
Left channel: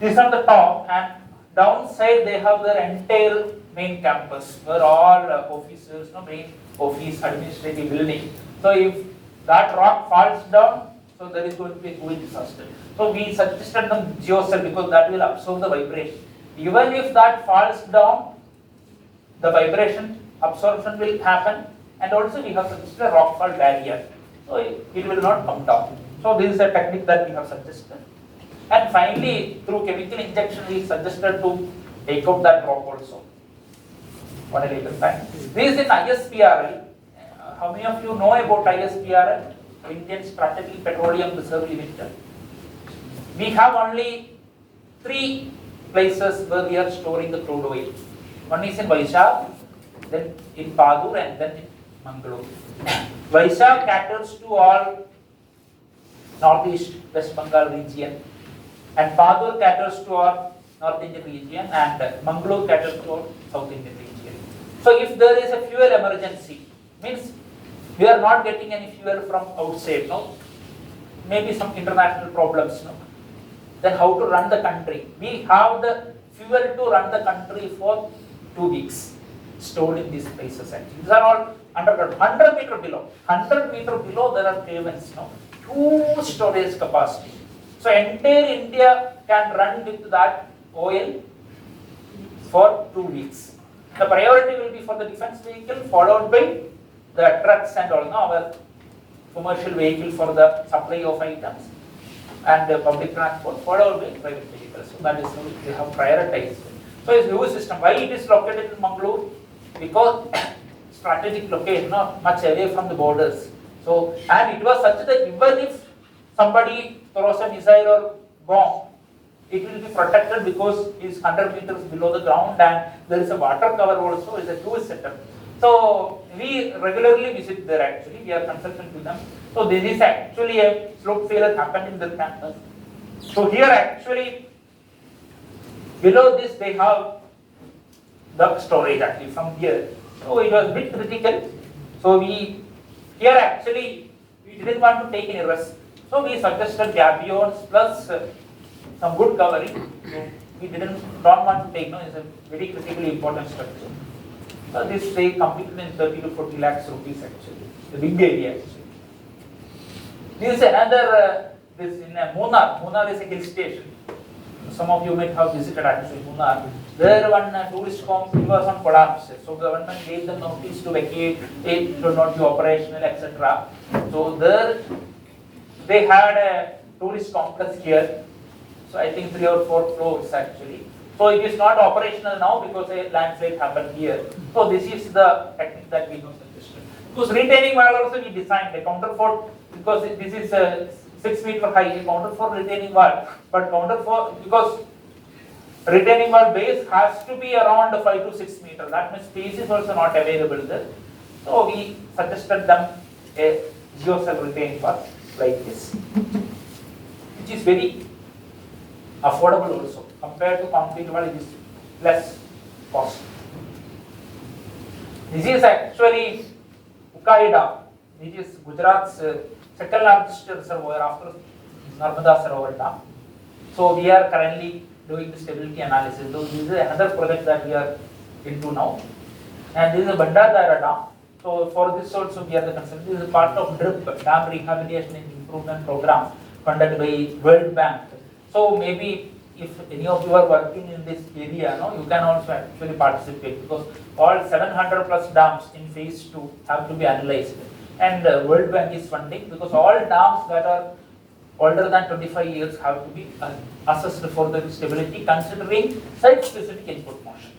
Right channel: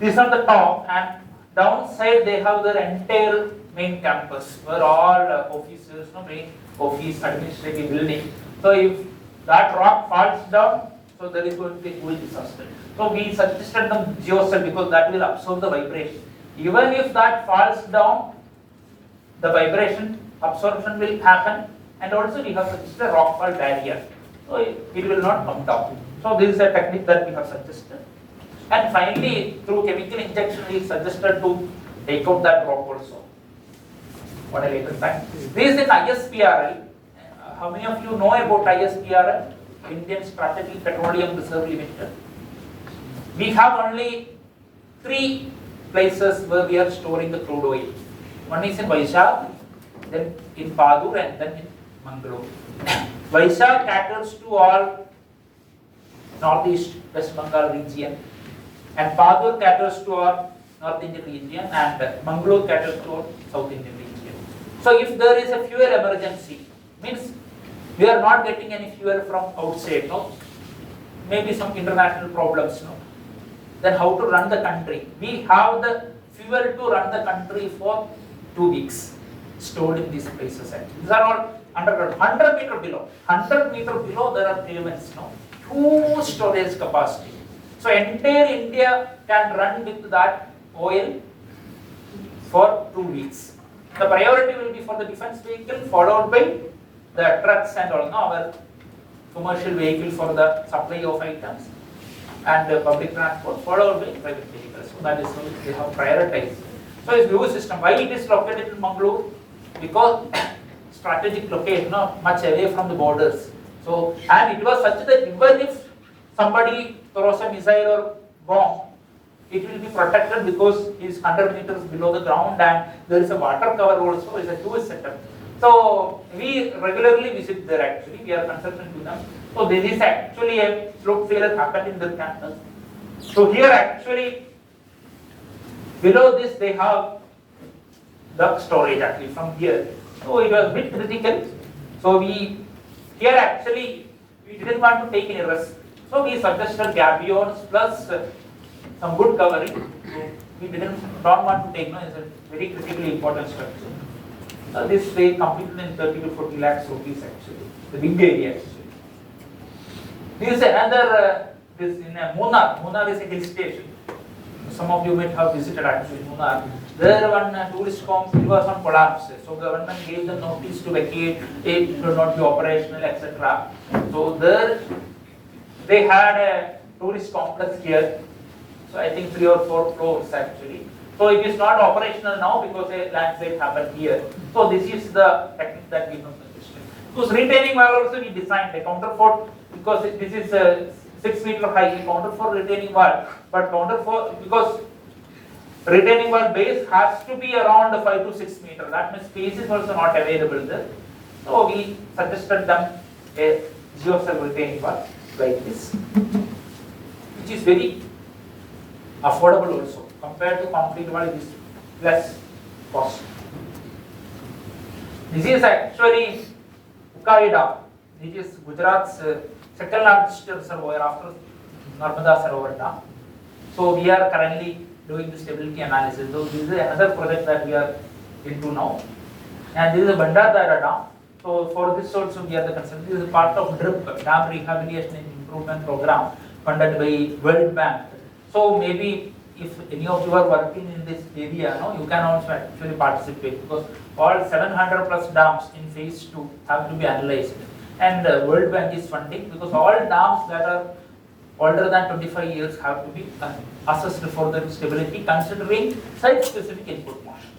this is on the top and downside they have their entire main campus where all offices, main office, administrative building. So if that rock falls down, so there is going to be a huge disaster. So we suggested them geocell because that will absorb the vibration. Even if that falls down, the vibration absorption will happen, and also we have suggested a rock fall barrier. So it will not come down. So this is a technique that we have suggested. And finally, through chemical injection, we suggested to take out that rock also. What a later time. This is in ISPRL. How many of you know about ISPRL? Indian Strategic Petroleum Reserve Limited. We have only 3 places where we are storing the crude oil. One is in Vaishak, then in Padur, and then in Mangalore. Vaishak caters to all Northeast West Bengal region, and Padur caters to our North Indian region, and Mangalore caters to our South Indian region. So if there is a fuel emergency, means we are not getting any fuel from outside, maybe some international problems, then how to run the country? We have the fuel to run the country for 2 weeks, stored in these places. Actually, these are all underground, 100 meter below. 100 meter below there are caverns, huge storage capacity. So entire India can run with that oil for 2 weeks. The priority will be for the defense vehicle, followed by the trucks and all, our commercial vehicle for the supply of items, and public transport, followed by private vehicles. So that is how they have prioritized. So it's a huge system. Why it is located in Mangalore? Because strategic location, much away from the borders. So, and it was such that even if somebody throws a missile or bomb, it will be protected because it is 100 meters below the ground, and there is a water cover also. It's a huge setup. So we regularly visit there actually. We are consultant to them. So there is actually a slope failure happened in their campus. So here actually below this they have the storage actually from here. So it was a bit critical. So we here actually we didn't want to take any risk. So we suggested gabions plus some good covering to we don't want to take, no, it's a very critically important structure. This they completed in 30 to 40 lakhs rupees actually, the big area actually. This is another, this in Munnar. Munnar is a hill station. Some of you might have visited actually Munnar. There one tourist home was on collapse. So government gave them notice to vacate, it should not be operational, etc. So there they had a tourist complex here. So I think 3 or 4 floors actually. So it is not operational now because a landslide happened here. So this is the technique that we have suggested. Because retaining wall also we designed a counterfort because this is a 6 meter high counterfort retaining wall, but counterfort because retaining wall base has to be around 5 to 6 meter. That means space is also not available there. So we suggested them a geocell retaining wall like this, which is very affordable also compared to concrete wall. It is less cost. This is actually Ukari Dam. This is Gujarat's second largest reservoir after Narmada Sarovar Dam. So we are currently doing the stability analysis. So this is another project that we are into now. And this is a Bandara Dam. So for this also we are the consultant. This is part of DRIP, Dam Rehabilitation and Improvement Program, funded by World Bank. So maybe if any of you are working in this area, no, you can also actually participate because all 700 plus dams in phase 2 have to be analyzed. And World Bank is funding because all dams that are older than 25 years have to be assessed for their stability considering site-specific input motion.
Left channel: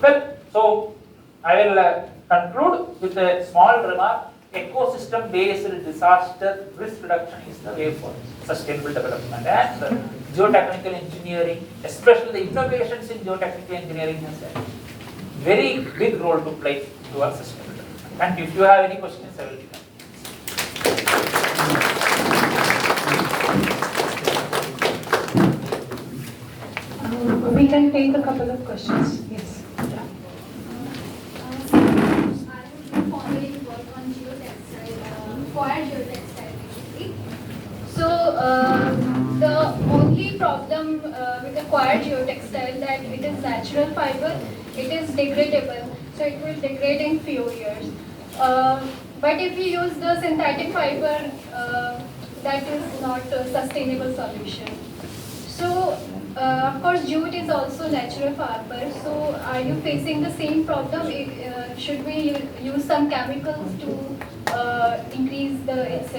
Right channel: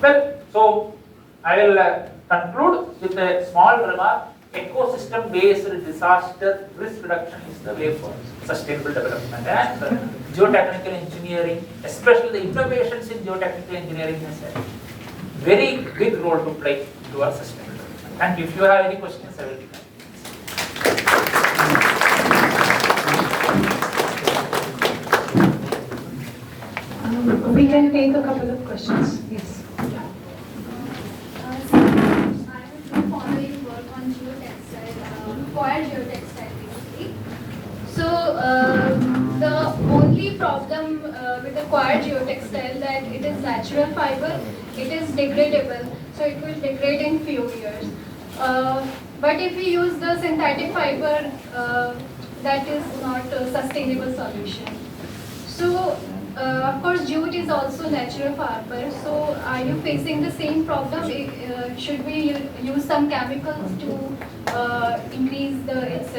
Well, so I will conclude with a small remark. Ecosystem-based disaster risk reduction is the way for sustainable development, and geotechnical engineering, especially the innovations in geotechnical engineering, has a very big role to play towards sustainable development. Thank you. If you have any questions, I will be happy. We can take a couple of questions. Yes. Geotextile basically. So the only problem with the coir geotextile that it is natural fiber, it is degradable, so it will degrade in few years. But if we use the synthetic fiber, that is not a sustainable solution. So of course jute is also natural fiber. So are you facing the same problem? Should we use some chemicals to increase its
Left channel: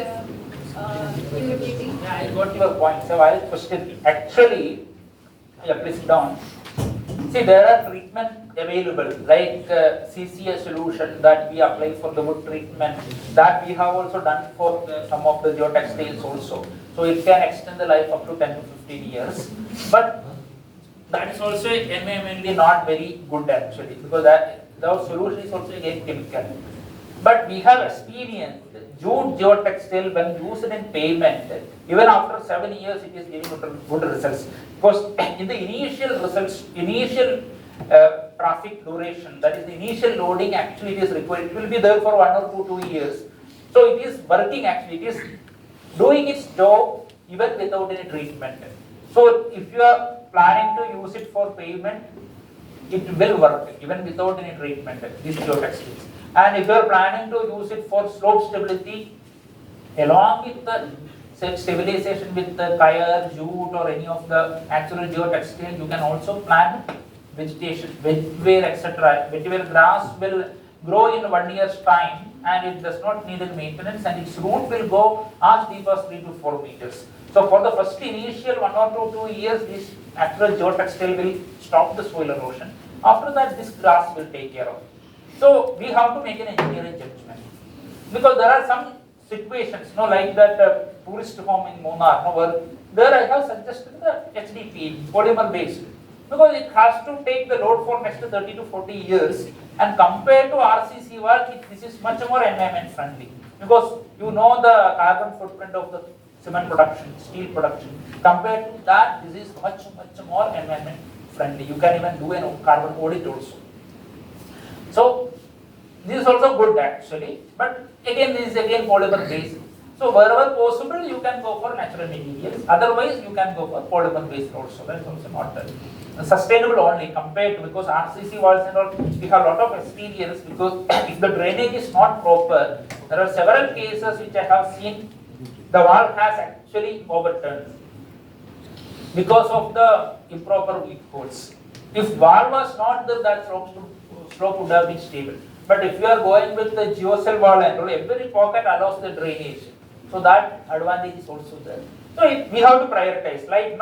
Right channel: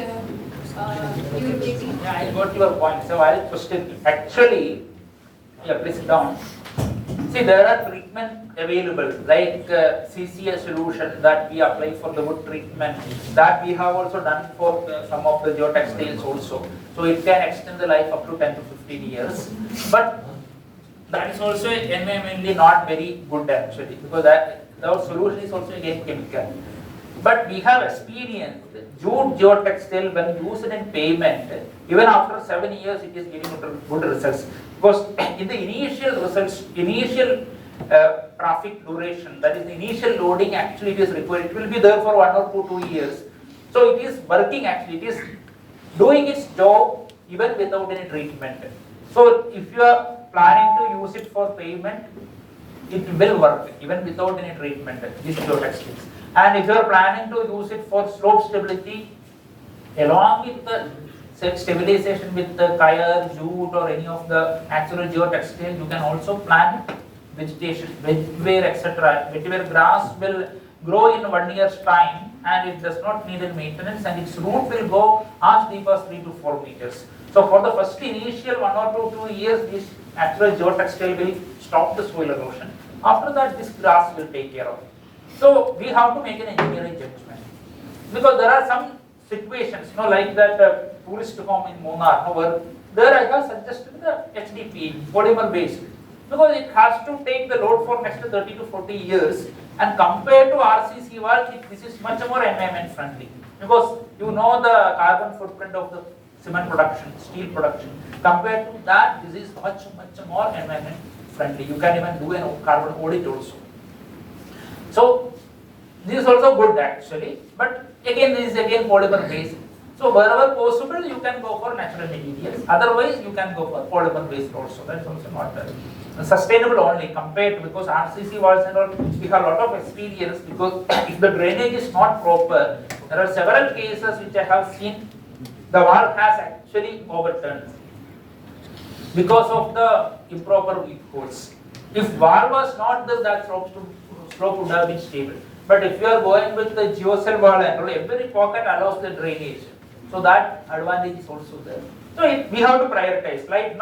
durability? Yeah, I got your point. So I'll question. Actually, yeah, please sit down. See, there are treatment available like CCA solution that we apply for the wood treatment. That we have also done for some of the geotextiles also. So it can extend the life up to 10 to 15 years. But that is also environmentally not very good actually because that the solution is also again chemical. But we have experienced jute geotextile when used in pavement, even after 7 years it is giving good results. Because in the initial results, initial traffic duration, that is the initial loading actually it is required, it will be there for 1 or 2 years. So it is working actually, it is doing its job even without any treatment. So if you are planning to use it for pavement, it will work even without any treatment, these geotextiles. And if you are planning to use it for slope stability, along with the stabilization with the tire, jute or any of the natural geotextile, you can also plant vegetation, vetiver, etc. Vetiver grass will grow in 1 year's time and it does not need any maintenance and its root will go as deep as 3 to 4 meters. So for the first initial 1 or 2 years, this natural geotextile will stop the soil erosion. After that, this grass will take care of it. So we have to make an engineering judgment because there are some situations, like that tourist home in Munnar, where there I have suggested the HDP, polymer based, because it has to take the load for next 30 to 40 years, and compared to RCC wall, this is much more environment friendly because you know the carbon footprint of the cement production, steel production. Compared to that, this is much more environment friendly. You can even do a carbon audit also. So this is also good actually, but again this is again polymer based. So wherever possible, you can go for natural materials. Otherwise, you can go for polymer based also. That's also not sustainable only compared to, because RCC walls and all, we have a lot of experience, because if the drainage is not proper, there are several cases which I have seen, the wall has actually overturned because of the improper weak holes. If wall was not there, that slope would have been stable. But if you are going with the geocell wall and all, every pocket allows the drainage. So that advantage is also there. So we have to prioritize. Like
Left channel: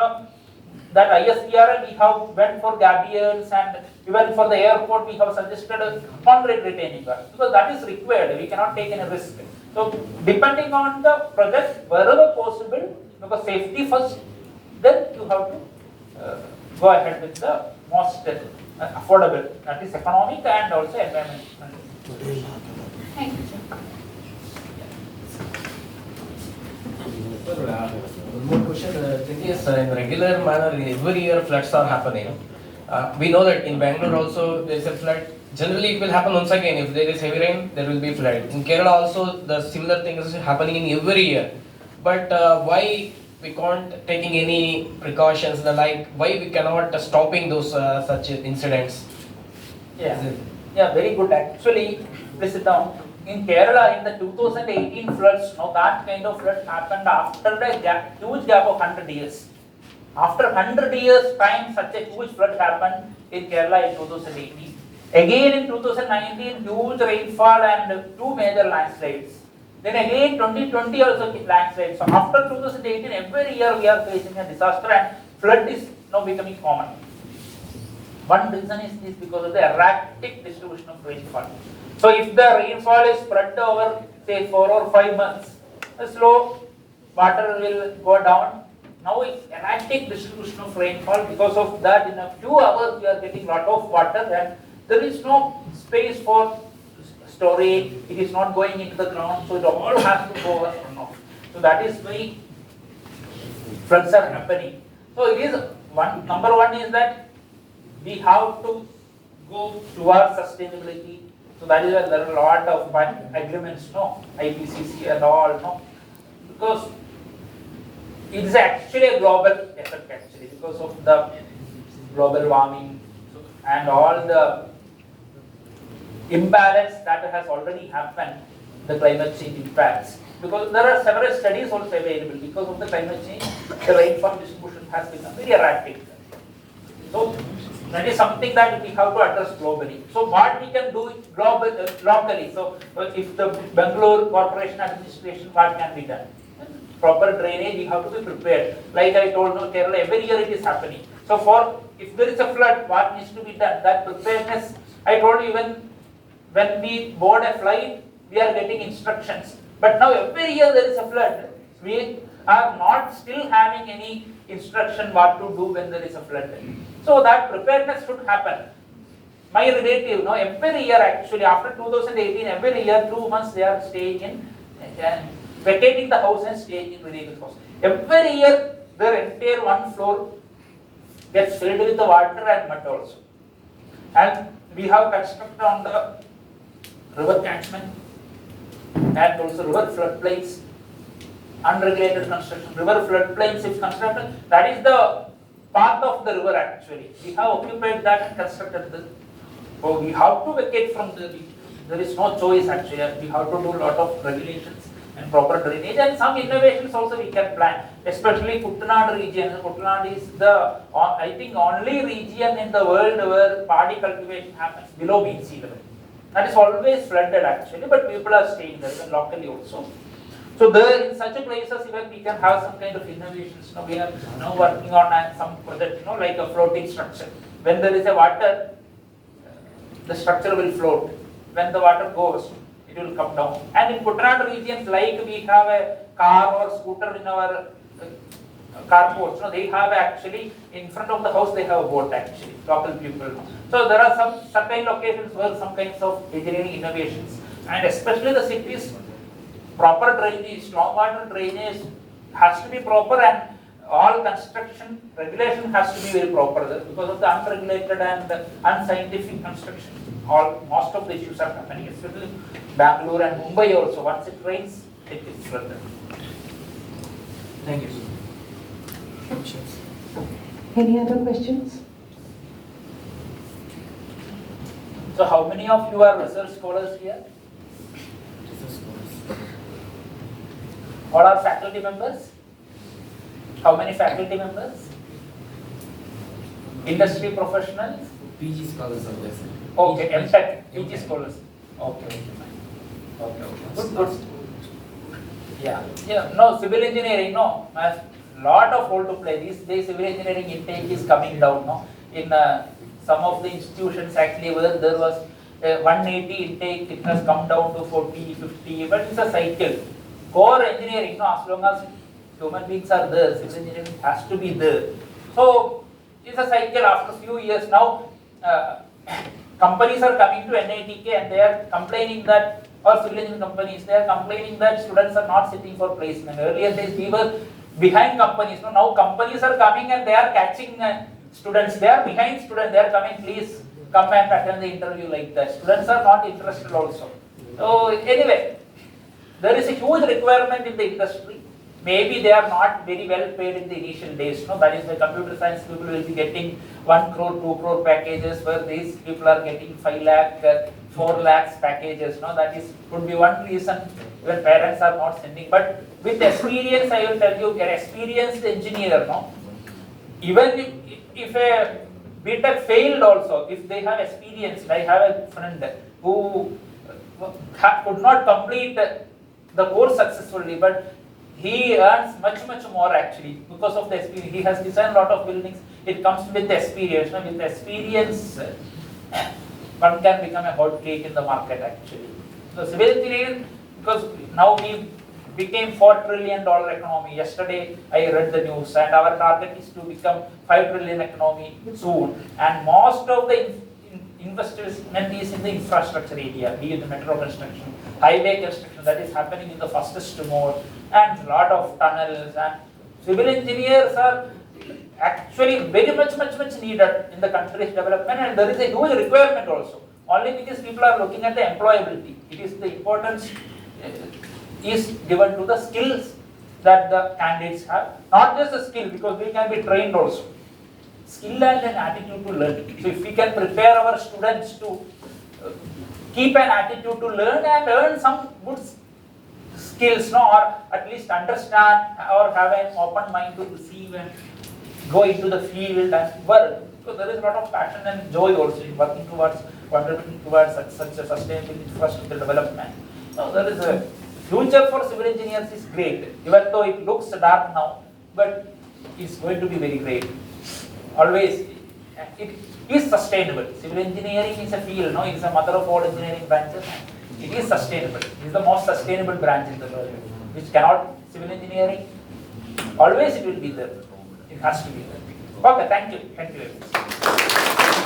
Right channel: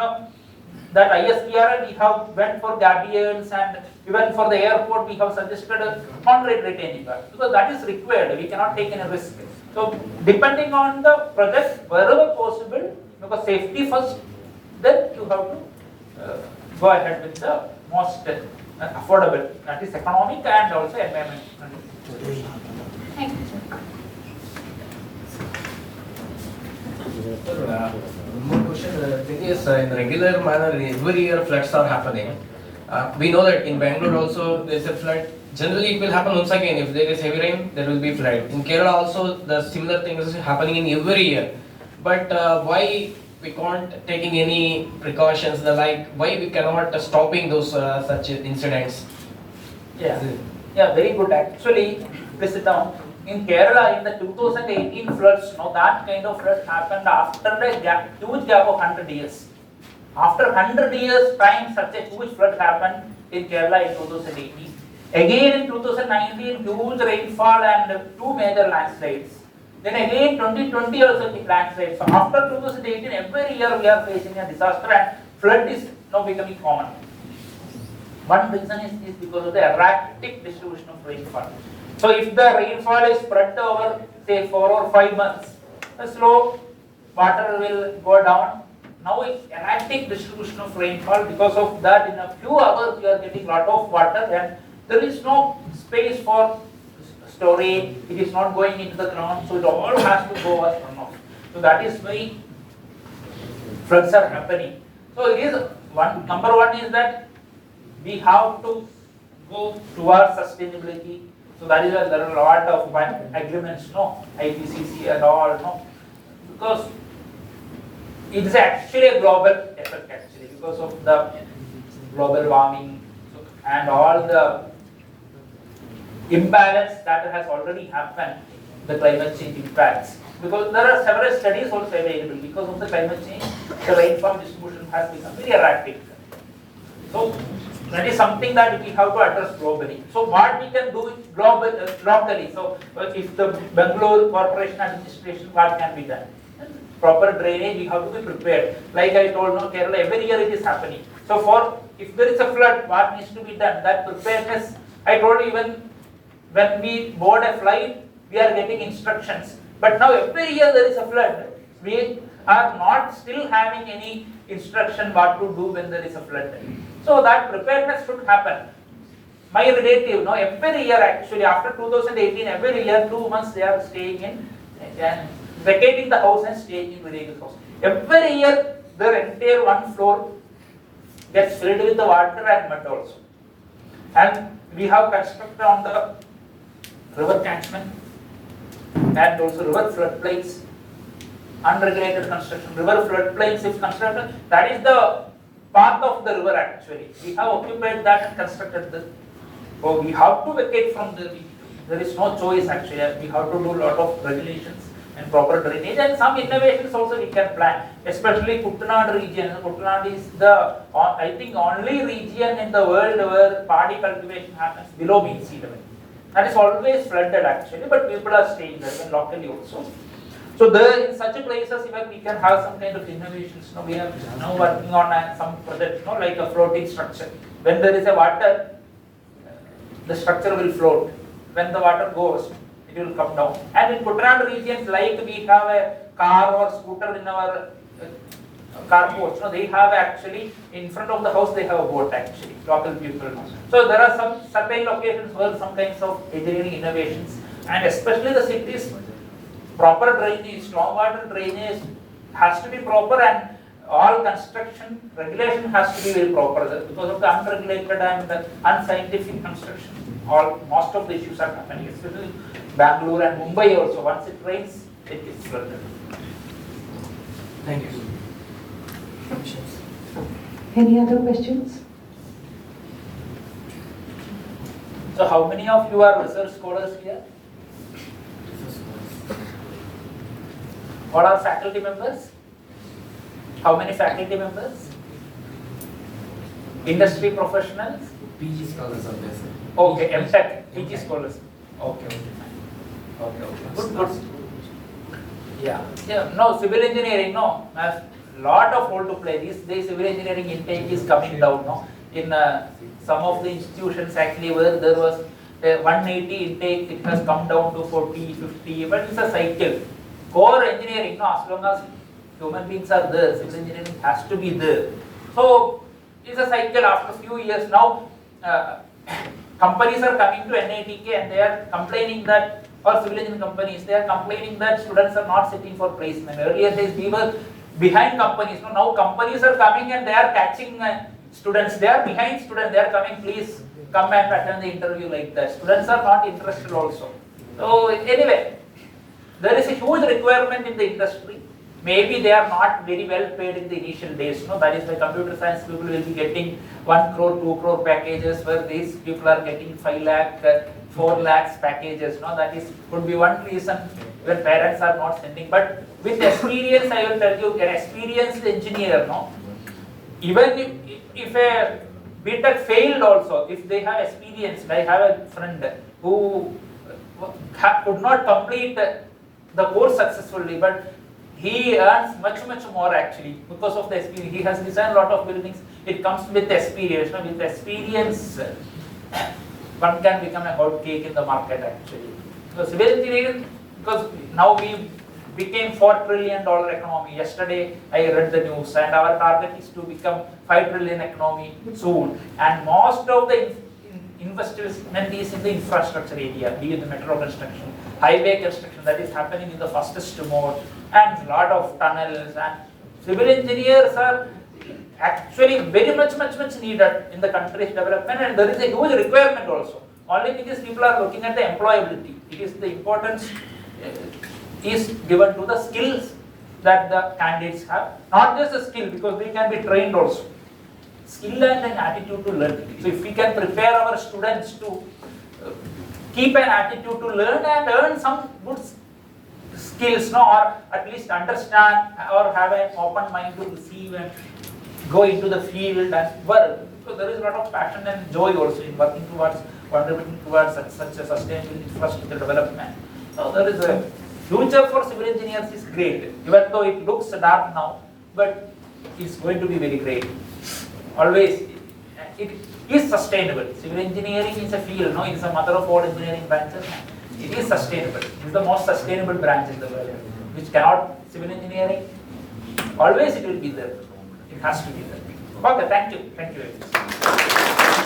that ISPRL we have went for gabions, and even for the airport we have suggested a concrete retaining wall, because that is required. We cannot take any risk. So depending on the project, wherever possible, because safety first, then you have to go ahead with the most affordable, that is economic and also environmental. Thank you, sir. Sir, one more question. The thing is, in regular manner, every year floods are happening. We know that in Bangalore also there is a flood. Generally, it will happen once again. If there is heavy rain, there will be flood. In Kerala also, the similar thing is happening in every year. But why we can't taking any precautions? Like why we cannot stopping those such incidents? Yeah, very good. Actually, please sit down. In Kerala, in the 2018 floods, that kind of flood happened after a huge gap of 100 years. After 100 years time, such a huge flood happened in Kerala in 2018. Again in 2019, huge rainfall and two major landslides. Then again 2020 also landslides. So after 2018, every year we are facing a disaster, and flood is now becoming common. One reason is because of the erratic distribution of rainfall. So if the rainfall is spread over say 4 or 5 months, the slow water will go down. Now it's erratic distribution of rainfall. Because of that, in a few hours we are getting lot of water, and there is no space for storage. It is not going into the ground, so it all has to go as runoff. So that is why floods are happening. So it is number one is that we have to go towards sustainability. So that is why there are a lot of agreements, IPCC and all, because it is actually a global effect actually, because of the global warming and all the imbalance that has already happened, the climate change impacts. Because there are several studies also available. Because of the climate change, the rainfall distribution has become very erratic. So that is something that we have to address globally. So what we can do locally. So if the Bangalore Corporation Administration, what can be done? Proper drainage, we have to be prepared. Like I told, Kerala, every year it is happening. So if there is a flood, what needs to be done? That preparedness, I told you, even when we board a flight, we are getting instructions. But now every year there is a flood. We are not still having any instruction what to do when there is a flood. So that preparedness should happen. My relative, every year actually, after 2018, every year 2 months they are staying in, vacating the house and staying in relative's house. Every year their entire one floor gets filled with the water and mud also. And we have constructed on the river catchment and also river floodplains, unregulated construction. River floodplains, if constructed, that is the path of the river actually. We have occupied that and constructed this. So we have to vacate from there is no choice actually. We have to do a lot of regulations and proper drainage, and some innovations also we can plan, especially Kuttanad region. Kuttanad is the, I think, only region in the world where paddy cultivation happens below mean sea level. That is always flooded actually, but people are staying there, even locally also. So there, in such places, even we can have some kind of innovations. We are now working on some project, like a floating structure. When there is a water, the structure will float. When the water goes, it will come down. And in Kuttanad regions, like we have a car or scooter in our carports, they have actually, in front of the house, they have a boat actually, local people. So there are some certain locations where some kinds of engineering innovations, and especially the cities, proper drainage, stormwater drainage has to be proper, and all construction regulation has to be very proper, because of the unregulated and the unscientific construction. Most of the issues are happening, especially Bangalore and Mumbai also. Once it rains, it is flooded. Thank you. Any other questions? So how many of you are research scholars here? All are faculty members? How many faculty members? Industry professionals? PG scholars are there, sir. Okay, MTech, PG scholars. Okay, okay, fine. Okay. Good, good. Yeah. No, civil engineering, no. Has lot of role to play. These days, civil engineering intake is coming down, no. In some of the institutions actually where there was 180 intake, it has come down to 40, 50, but it's a cycle. Core engineering, no, as long as human beings are there, civil engineering has to be there. So, it's a cycle. After a few years now, companies are coming to NITK and they are complaining that, or civil engineering companies, they are complaining that students are not sitting for placement. Earlier days, we were behind companies. No, now companies are coming and they are catching students. They are behind students. They are coming, please come and attend the interview like that. Students are not interested also. So anyway, there is a huge requirement in the industry. Maybe they are not very well paid in the initial days. No, that is why computer science people will be getting 1 crore, 2 crore packages, where these people are getting 5 lakh, 4 lakhs packages. No, that is could be one reason where parents are not sending. But with experience, I will tell you, an experienced engineer, no, even if a BTech failed also, if they have experience, I have a friend who could not complete the course successfully, but he earns much more actually because of the experience. He has designed a lot of buildings. It comes with experience. No? With experience, one can become a hot cake in the market actually. So civil engineering, because now we became $4 trillion economy. Yesterday I read the news, and our target is to become 5 trillion economy soon. And most of the investment is in the infrastructure area, be it the metro construction, highway construction, that is happening in the fastest mode, and a lot of tunnels. And civil engineers are actually very much needed in the country's development, and there is a huge requirement also. Only because people are looking at the employability. It is the importance is given to the skills that the candidates have, not just the skill, because they can be trained also. Skill and an attitude to learn. So if we can prepare our students to keep an attitude to learn and earn some good skills, no, or at least understand or have an open mind to receive and go into the field and work. So there is a lot of passion and joy also in working towards, contributing towards such a sustainable infrastructure development. So there is a future for civil engineers is great, even though it looks dark now, but it's going to be very great. Always, it is sustainable. Civil engineering is a field, no, it is a mother of all engineering branches. It is sustainable. It is the most sustainable branch in the world, which cannot, civil engineering, always it will be there. It has to be there. Okay, thank you very much.